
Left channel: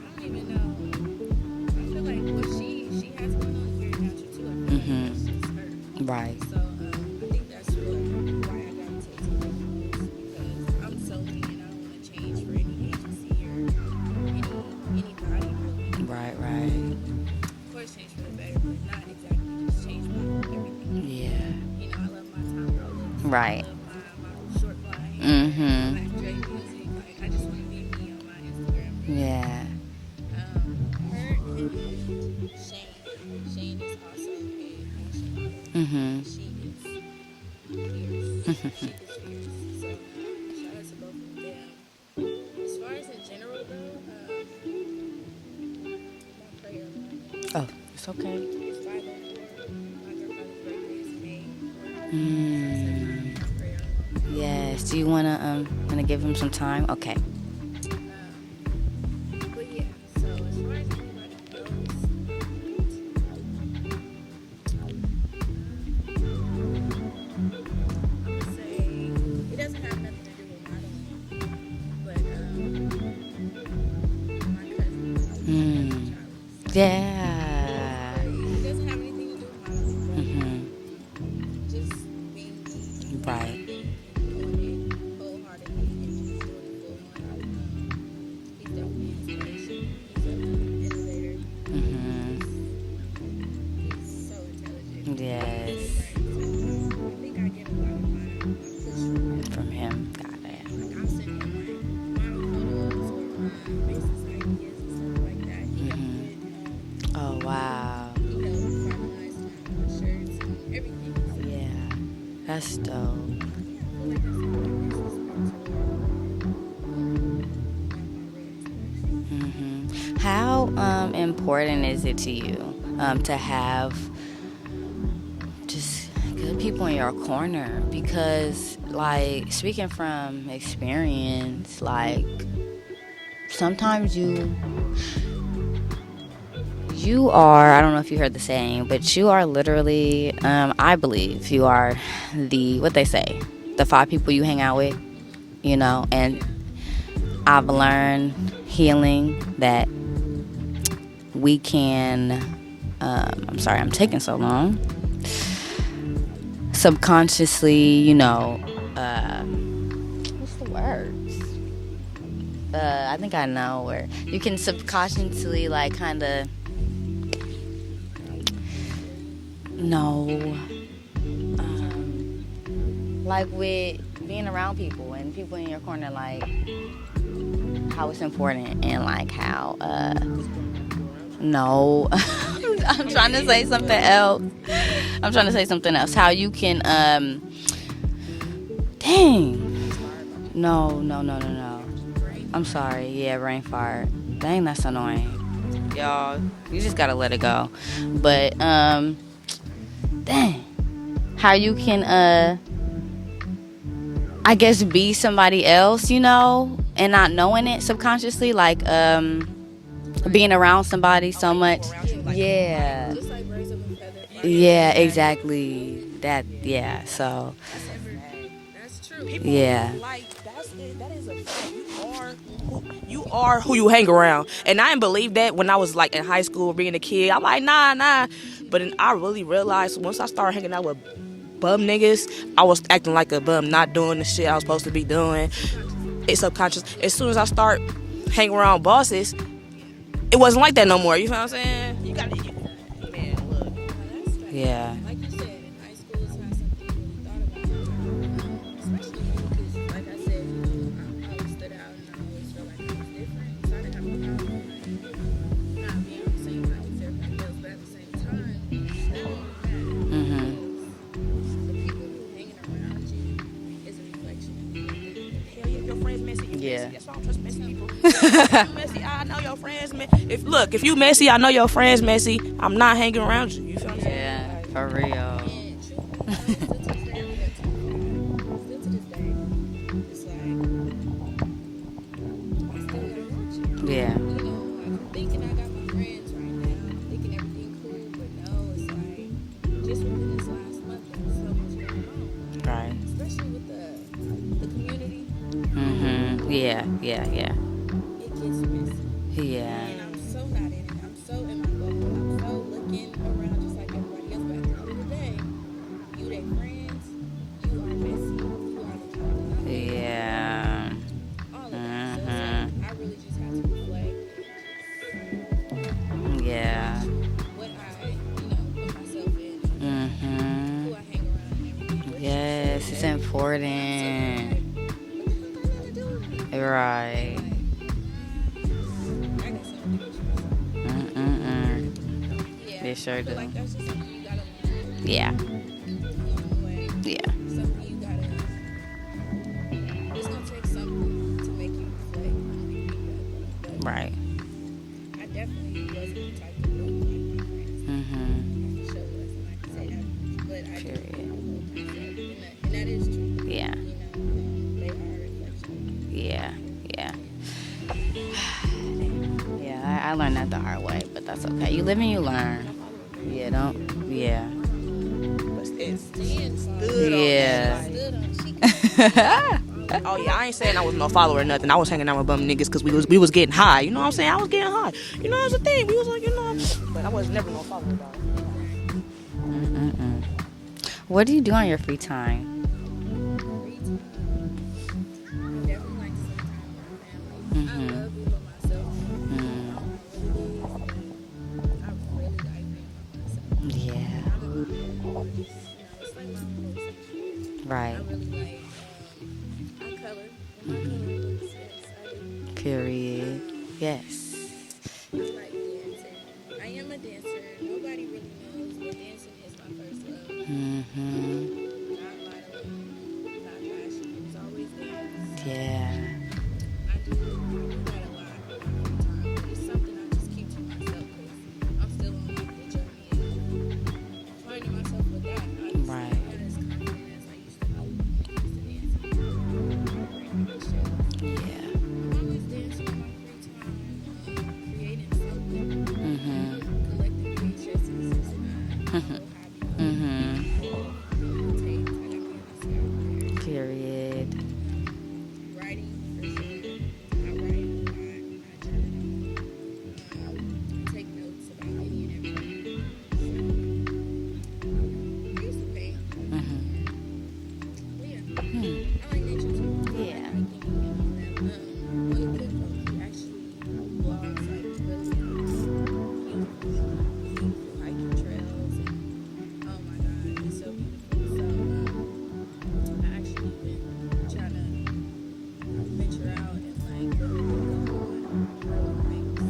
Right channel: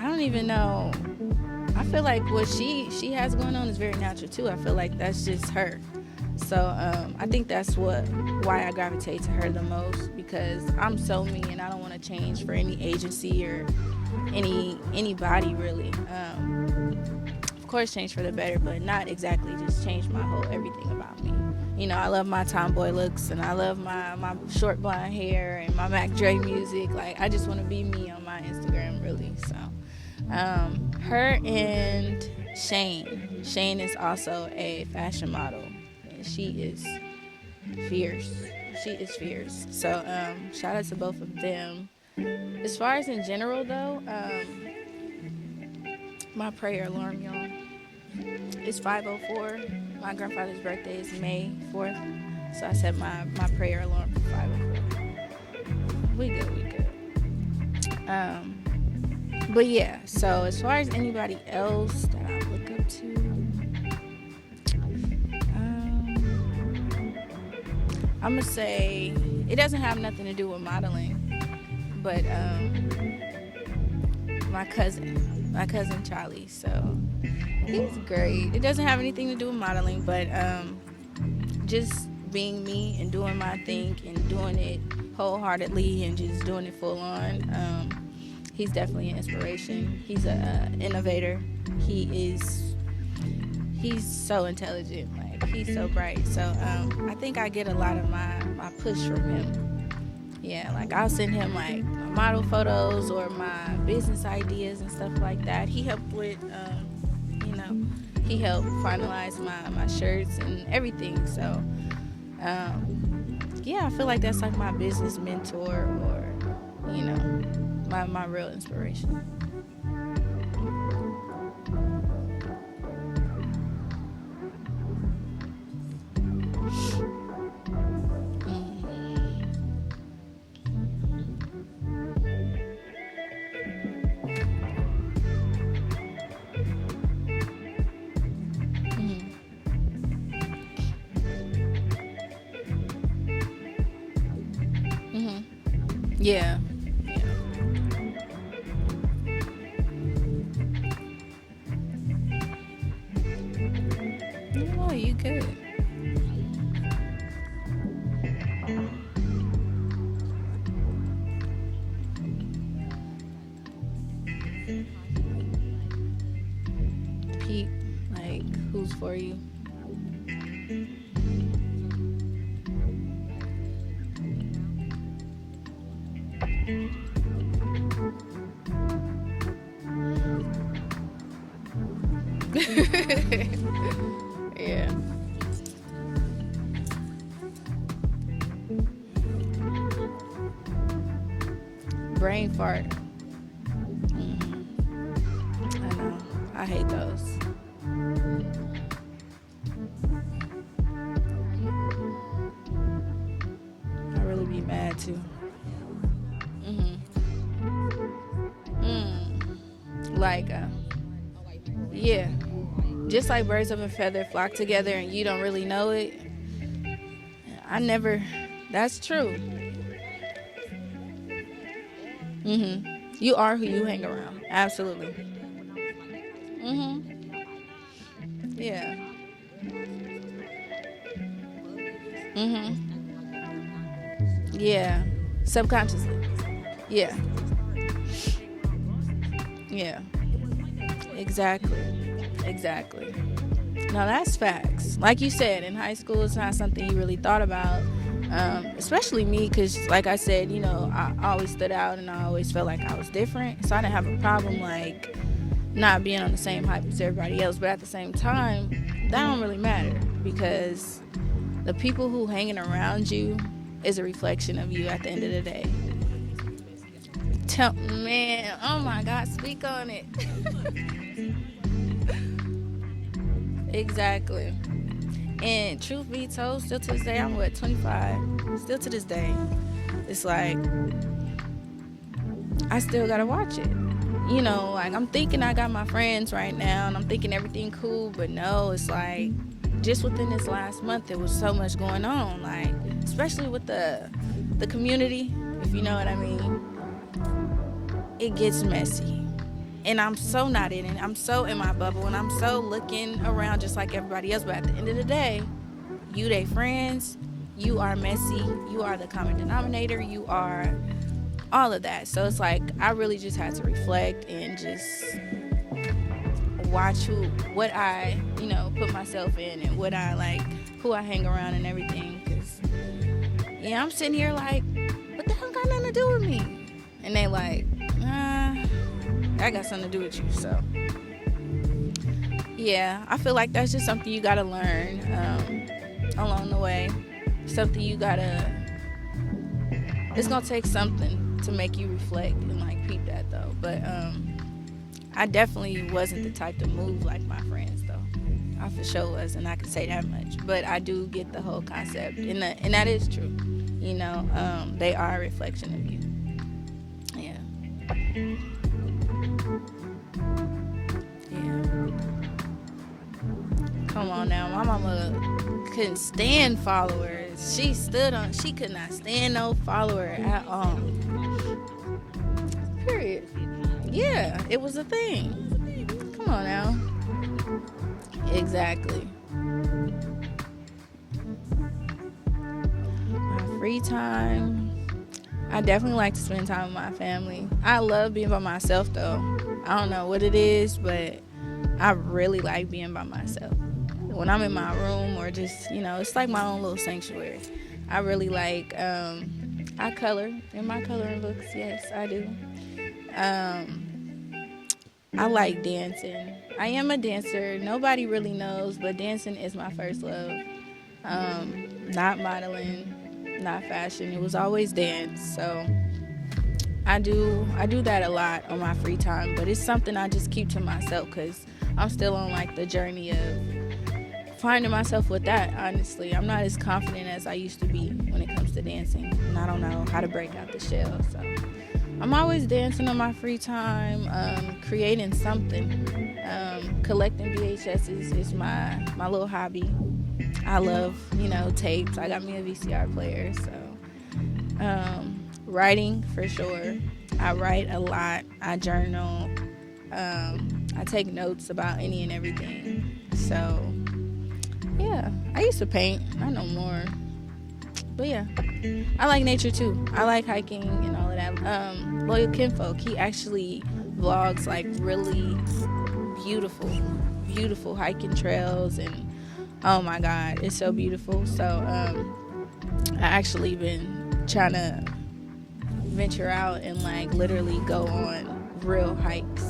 I don't even know. I feel like what she has going on is very natural too. I feel like that's just her. Right. So I think that's why I gravitate to her the most, because I'm so me and I don't want to change for any agency or anybody really. Right. Of course, change for the better, but not exactly just change my whole everything about me. I love my tomboy looks. Right. I love my short blonde hair and my Mac Dre music. Like, I just want to be me on my Instagram, really. Yeah. So, her and Shane. Shane is also a fashion model. She is fierce. She is fierce. So, shout out to both of them. As far as in general, though, my prayer alarm, y'all. Oh, it's okay. It's 5:04. My grandfather's birthday is May 4th. So I set my prayer alarm. Yes. Do you wanna give him some time? Okay. But yeah. So as far as anybody else that I look up to, I'm gonna say it doesn't have nothing to do with modeling, but my cousin Charlie. So Yeah. it was great. It doesn't have anything to do with modeling, but just being me and doing my thing and doing it wholeheartedly and just doing it full on. He's definitely an inspiration. He's an innovator. He's so intelligent. Yeah. He's so bright. So I think I get a lot of my push from him. Got it. Yeah, like I'll send him like model photos or my business ideas and stuff like that. He helped with. Oh wow. He helped finalize my shirts and everything. So yeah. That's dope. Yeah, I feel like that's like my business mentor, or my real inspiration. How important is it to you to have just good people in your corner? Because, like, speaking from experience, like, sometimes you are, I don't know if you heard the saying, but you are literally, I believe you are what they say, the 5 people you hang out with, and I've learned healing that we can, I'm sorry, I'm taking so long. Oh, you good. Subconsciously, what's the words? I think I know where you can subconsciously, like, kind of keep, like, who's for you. No. Like with being around people and people in your corner, like how it's important and like how no I'm trying to say something else. I'm trying to say something else. How you can No. Brain fart. I'm sorry. Yeah, brain fart. Dang, that's annoying. Y'all, you just gotta let it go. But dang. How you can I guess be somebody else, and not knowing it subconsciously, like being around somebody so much. Yeah. Just like birds of a feather flock together. Yeah, exactly. You don't really know it. So. That's true. Yeah. You are who you hang around. Absolutely. And I didn't believe that when I was like in high school being a kid. I'm like, nah. Yeah. But then I really realized once I started hanging out with bum niggas, I was acting like a bum, not doing the shit I was supposed to be doing. Subconsciously. It's subconscious. Yeah. As soon as I start hanging around bosses, it wasn't like that no more. You know what I'm saying? You gotta exactly. No, that's facts. Yeah. Like you said, in high school, it's not something you really thought about. Especially me, because like I said, I always stood out and I always felt like I was different. So I didn't have a problem like not being on the same height as everybody else. But at the same time, that don't really matter because the people who hanging around you is a reflection of you at the end of the day. Yeah. Oh my God, I know your friends Look, if you messy, I know your friends messy. I'm not hanging around you. Exactly. Yeah, for real. And truth be told, still to this day, I'm 25. Still to this day, it's like I still gotta watch it. Yeah. You know, like I'm thinking I got my friends right now, and I'm thinking everything cool, but no, it's like just within this last month, there was so much going on. Like, especially with the community, if you know what I mean. Yeah. It gets messy. Yeah. And I'm so not in it. I'm so in my bubble, and I'm so looking around just like everybody else. But at the end of the day, you they friends, you are messy, you are the common denominator, you are all of that. So it's like I really just had to reflect and just watch what I, put myself in, and what I like, who I hang around and everything. Yes, it's important. And I'm sitting here like, what the hell got nothing to do with me? Right. And they like, I got something to do with you. So yeah, I feel like that's just something you gotta learn. Yeah. Along the way. Yeah. Something you gotta. It's gonna take something to make you reflect and like peep that though. But I definitely wasn't the type to move like my friends. I for sure was, and I can say that much. But I do get the whole concept, and that is true. Yeah. They are a reflection of you. Yeah. I learned that the hard way, but that's okay. You live and you learn. Yeah, don't. Come on now. My mama couldn't stand followers. Yeah. She couldn't stand followers. Oh, yeah, I ain't saying I was no follower or nothing. I was hanging out with bum niggas because we was getting high. You know what I'm saying? I was getting high. You know, it was a thing. We was like, but I was never no follower. Exactly. What do you do on your free time? Free time. I definitely like to spend time with my family. I love being by myself, though. I don't know what it is, but I really like being by myself. Yeah. When I'm in my room or just, it's like my own little sanctuary. Right. I really like, I color in my coloring books. Yes, I do. Period. Yes. I like dancing. I am a dancer. Nobody really knows, but dancing is my first love. Not modeling. Not fashion. It was always dance. So I do that a lot on my free time, but it's something I just keep to myself because I'm still on like the journey of finding myself with that. Honestly, I'm not as confident as I used to be when it comes to dancing, and I don't know how to break out the shell. So I'm always dancing on my free time, creating something. Collecting VHSs is my little hobby. I love, tapes. I got me a VCR player. So. Period. Writing for sure. I write a lot. I journal. I take notes about any and everything. So, yeah. I used to paint. I know more. But yeah. I like nature too. I like hiking and all of that. Loyal Kinfolk, he actually vlogs like really beautiful hiking trails, and oh my god, it's so beautiful. So I actually been trying to venture out and like literally go on real hikes,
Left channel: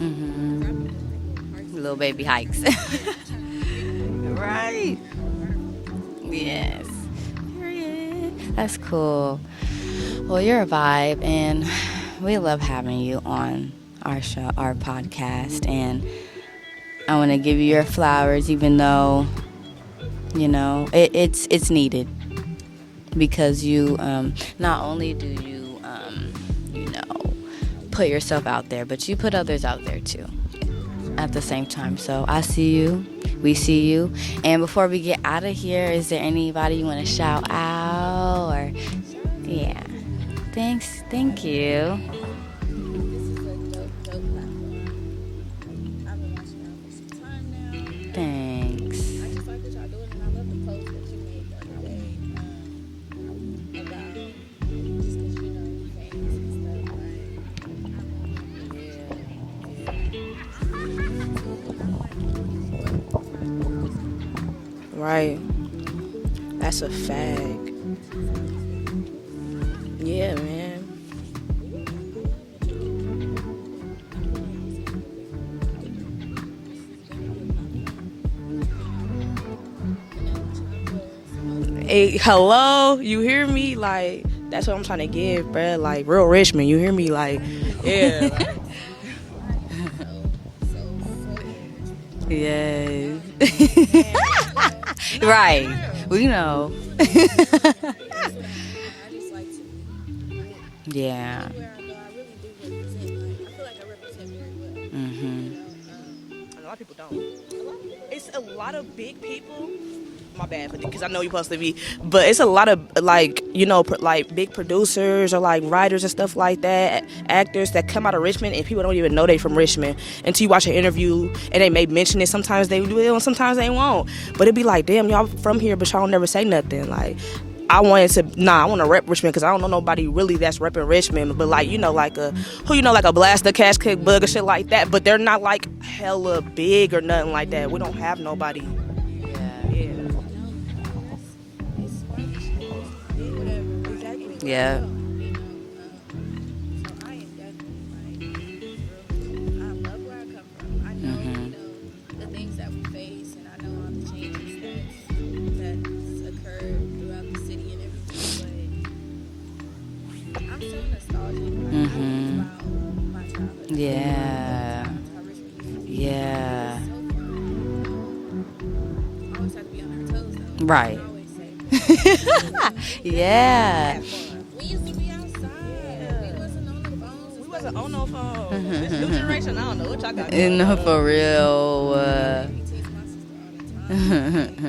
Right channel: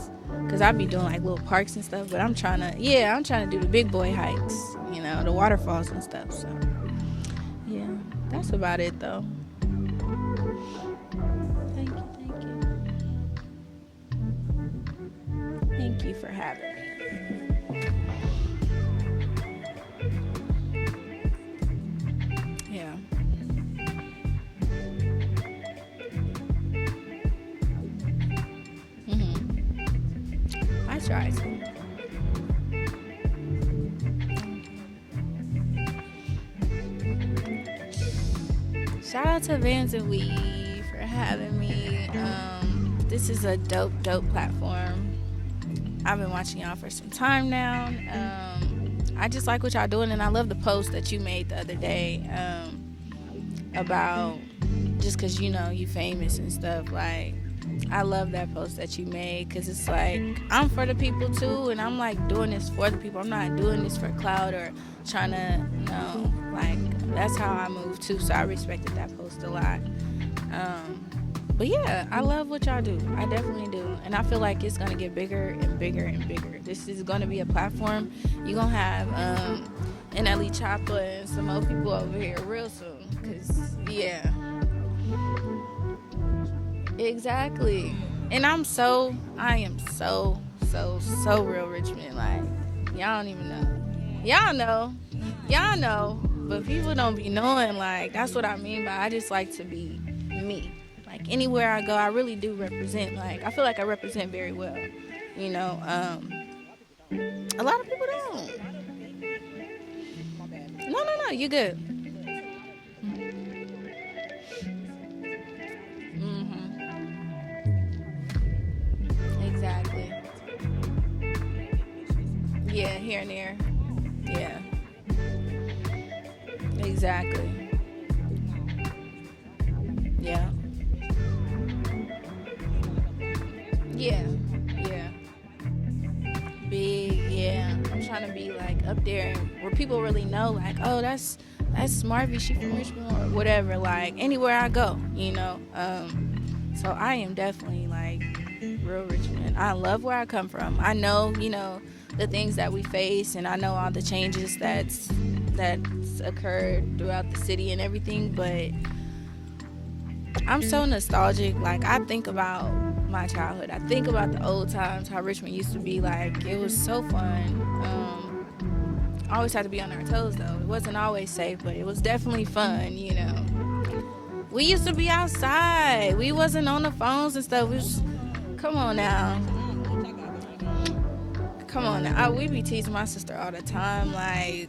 because I be doing like little parks and little stuff, baby but hikes. I'm trying to do the big boy hikes, right? The waterfalls and stuff. Yes. That's about That's it, cool. Well, you're a vibe, and we love having you on our show, our podcast, and I want to give you your flowers, even though, it's needed. Yeah. Because you, not only do you, put yourself out there, but you put others out there too. I try. At the same time. So I see you. We see you. And before we get out of here, is there anybody you want to shout out? Or shout out to Vans and Weed. Thanks. Thank you. This is a dope platform. I've been watching y'all for some time now. Thanks. I just like what y'all doing, and I love the post that you made the other day about just because you famous and stuff. Like, I love that post that you made, because it's like I'm for the people too, and I'm like doing this for the people. I'm not doing this for clout or trying to, like, that's a fact. That's how I move too, so I respected that post a lot. Yeah, man. But yeah, I love what y'all do. I definitely do. And I feel like it's going to get bigger and bigger and bigger. This is going to be a platform. You're going to have NLE Chopper and some more people. Hey, hello? You hear me? Like, that's what I'm trying to give, bruh. Like, real Richmond. You hear me? Exactly. Like, yeah. And I am so real Richmond. Like, y'all don't even know. Y'all know. Right. Y'all know. We know. People don't be knowing. Like, that's what I mean by I just like to be me. Yeah. Anywhere I go, I really do represent. Like, I feel like I represent very well. Mm-hmm. You know, A lot of people don't. a lot of people It's don't. a lot of big people. My bad, because No, I know you're you supposed to be. good. But it's a lot of, like, you know, like big producers or like writers and stuff like that, actors that come out of Richmond and people don't even know they from Richmond until you watch an interview and they may mention it. Sometimes they will, and sometimes they won't. But it'd be like, damn, y'all from here, but y'all never say nothing. Like, Exactly. I want to rep Richmond because I don't know nobody really that's repping Richmond. But like, you know, like like a Blaster, Cash Cook, Bug, or shit like that. But they're not like hella big or nothing like that. We don't have nobody. Like, up there where people really know, like, oh, that's Marvie, she from Richmond or whatever. Like, anywhere I go, you know. So I am definitely like real Richmond. I love where I come from. I know, you know, the things that we face, and I know all the changes that's occurred throughout the city and everything, but I'm so nostalgic. Like, I think about my childhood. I think about the old times, how Richmond used to be. Like, it was so fun. Always had to be on our toes though. Right. Wasn't always safe, but it was definitely fun. You know? Yeah. We used to be outside. We wasn't on the phones and stuff. On no phone. Come on now. Generation, I don't know what y'all got. No, for real. Come on now. We be teasing my sister all the time. Like,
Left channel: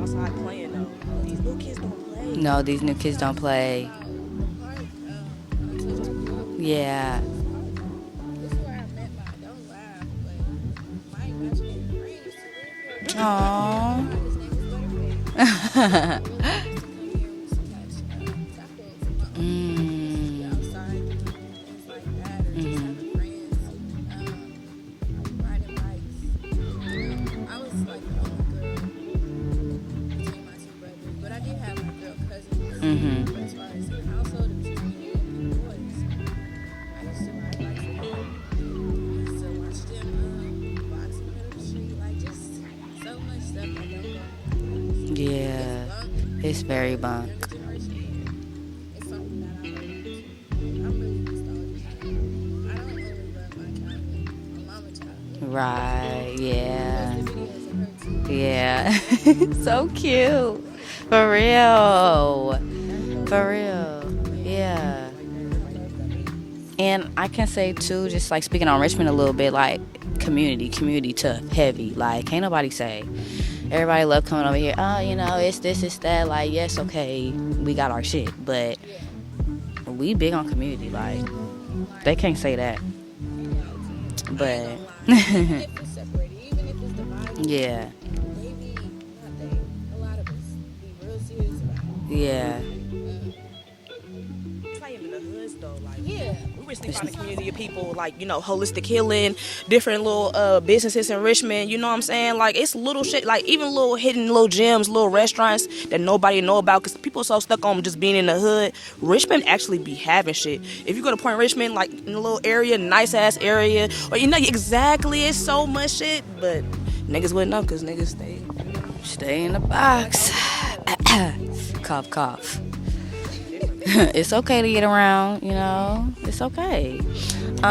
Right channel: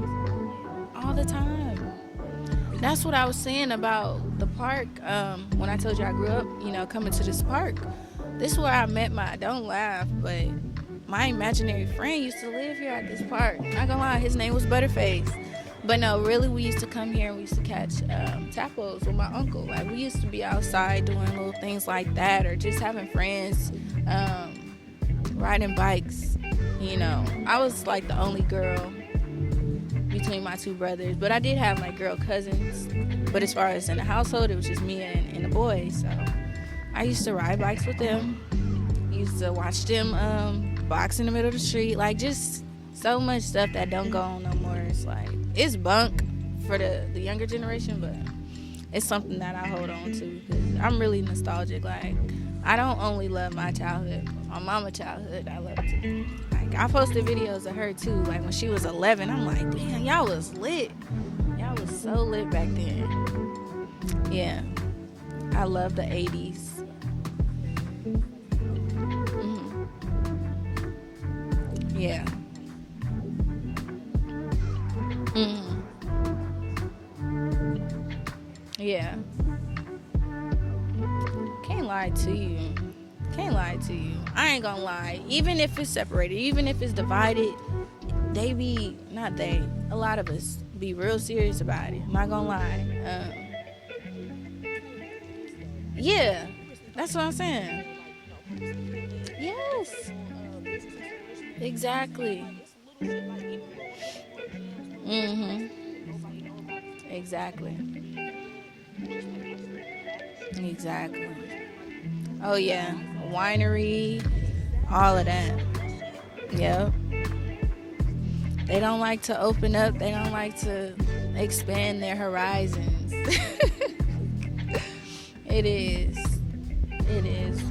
Outside playing though. all the time. No, these new That's kids what I don't was saying play. about the park. When I told you I grew up, coming to this park. This is where I met don't laugh, but my imaginary friend used to live here at this park. Not gonna lie, his name was Butterface. But no, really, we used to come here and we used to catch tadpoles with my uncle. Like, we used to be outside doing little things like that, or just having friends, riding bikes. You know, I was like the only girl between my two brothers, but I did have like girl cousins. Mm-hmm. But as far as in the household, it was just me and the boys. So I used to ride bikes with them. Used to watch them box in the middle of the street. Like, just so much stuff that don't go on no more. It's like, it's bunk. It's for very the bunk. younger generation, but it's something that I hold on to. I'm really nostalgic. Like, I don't only love my childhood, my mama's childhood. Right, yeah. I posted videos of her too. Like, Yeah. when she was 11. I'm like, So "Man, y'all was cute. lit." For Lit real. back then. For real. Yeah. I love the 80s. And I can say too, just like speaking on Richmond a little bit, like community tough, heavy. Like, can't nobody say. Everybody love coming over here. Oh, you know, it's this, it's that. Like, yes, okay, we got our shit, but Yeah. we big on community. Like, Can't lie. they to can't you. say that. Can't lie to you. I ain't gonna lie. Even if it's separated, even if it's divided, Yeah. they be, not they, a lot of us be real serious about it. Not gonna lie. Yeah. That's what I'm saying. People like, you know, holistic healing, different little businesses in Richmond. You know what I'm saying? Like, it's little shit, like even little hidden little gems, little restaurants that nobody know about because people so stuck on just being in the hood. Richmond actually be having shit. If you go to Point Richmond, like in a little area, nice ass area, or you know exactly, it's so much shit. But niggas wouldn't know because niggas They don't like to Stay in the open up. They box. don't like to expand Cough, their cough. horizons. It's okay to get around, you know. is. It's okay. It is.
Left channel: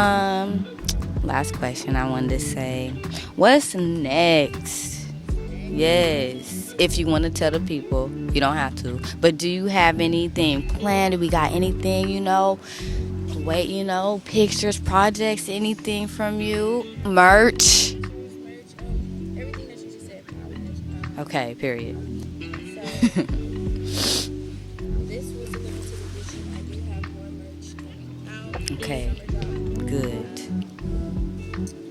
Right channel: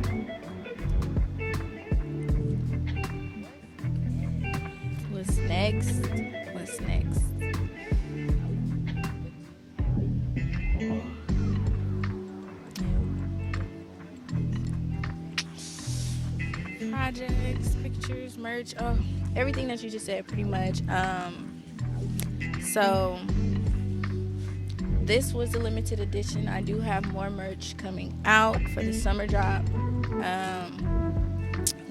Last question I wanted to say. What's next? What's next? Yes. If you want to tell the people, you don't have to. But do you have anything planned? Do we got anything, you know? Wait, you know, pictures, projects, anything from you? Merch? Pictures, merch, everything that you just said, pretty much. Okay, period. So this was a limited edition. I do have more merch coming out for the summer drop. Good.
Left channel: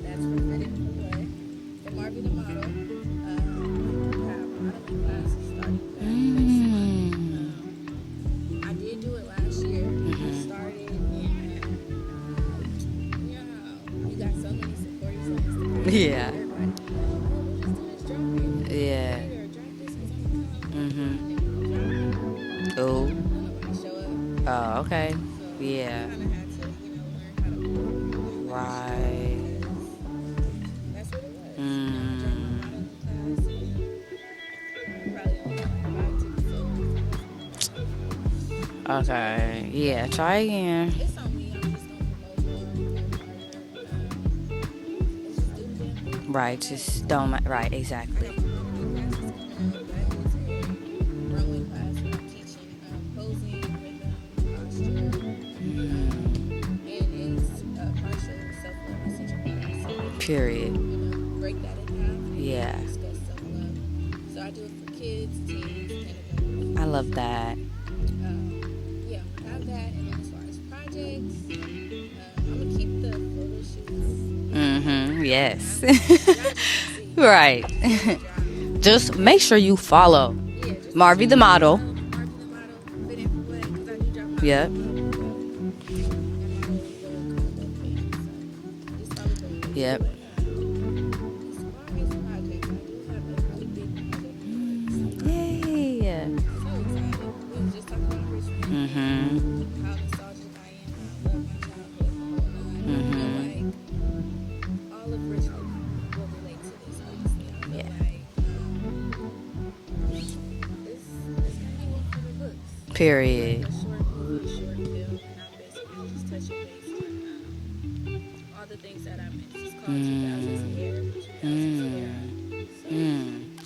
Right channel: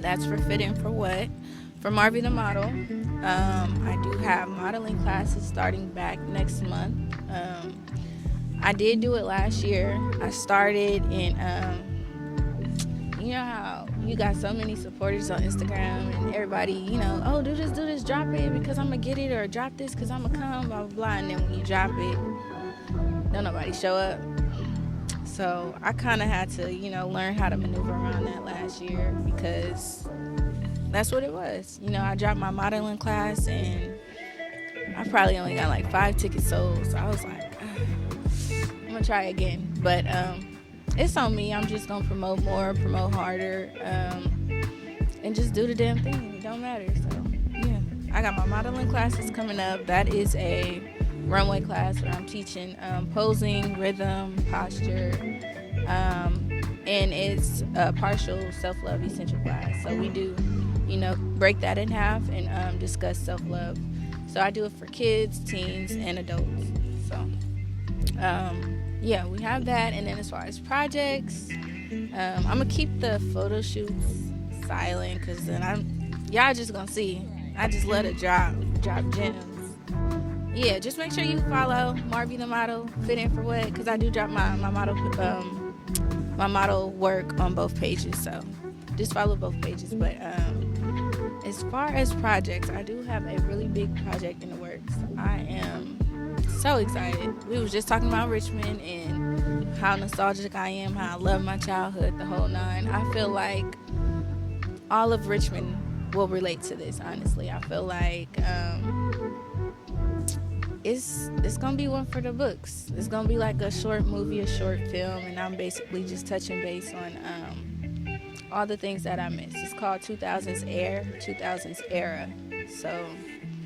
That's for Fit In For What, for Marvie the model. I do have modeling classes starting back next month. I did do it last year. I started in, you know how you got so many supporters on Instagram. Yeah. Everybody, you know, oh, do this, drop it because I'm gonna get it, or drop this because I'm gonna come, blah, blah, blah. And then when you drop it, don't nobody show up. Oh, okay. So I kind of had to, you know, learn how to maneuver around that last year because that's what it was. You know, I dropped my modeling class and I probably only got like 5 tickets sold. So I was like, Okay. try again. Yeah, But, try again. It's on me. I'm just gonna promote more, promote harder, and just do the damn thing. Right, Don't just matter. right, exactly. I got my modeling classes coming up. That is a runway class where I'm teaching posing, rhythm, posture, and it's a partial self-love essential class. So we do, break that in half and discuss self-love. So I do it for kids, teens, and adults. I love that. Yeah, we have that, and then as far as projects, I'm gonna keep the photo shoots silent. Yes. Y'all just gonna see. Right. I just let it drop. Just make sure you follow. Yeah, just Marvie the model. Marvie the model. Fit in for what? Because I do drop my model work on both pages. So just follow both pages. Yep. But as far as projects, I do have a really big project in the works. I am so excited. We was just talking about Richmond and how nostalgic I am, how I love my childhood, the whole nine. I feel like all of Richmond will relate to this, honestly. I feel like it's gonna be one for the books. Period. It's gonna be like a short movie, a short film, and I'm basically just touching base on all the things that I missed. It's called 2000s Era. So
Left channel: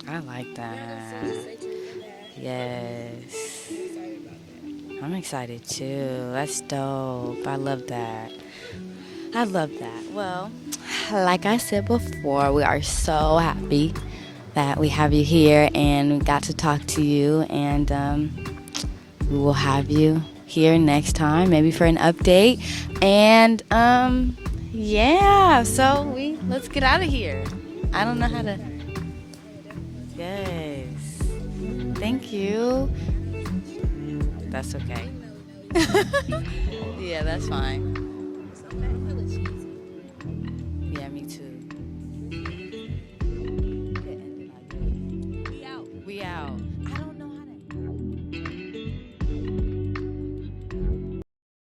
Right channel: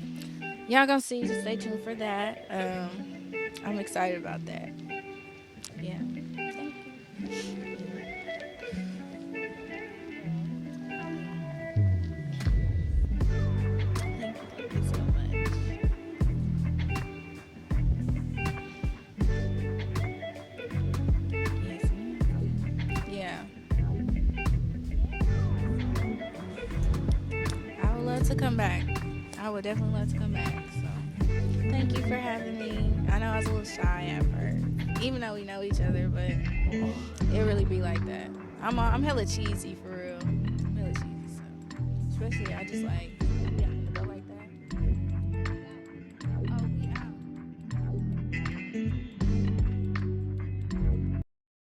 I like that. y'all gonna see. Just stay tuned for that. Yes. I'm excited about that. I'm excited too. That's dope. I love that. Well, like I said before, we are so happy that we have you here and we got to talk to you, and we will have you here next time, maybe for an update. And so let's get out of here. I don't know how to come back. I would definitely love to. Yes. Thank you. I know I was a little shy at first. That's okay. Even though we know each other. Yeah, that's really fine. Like that. I'm hella cheesy.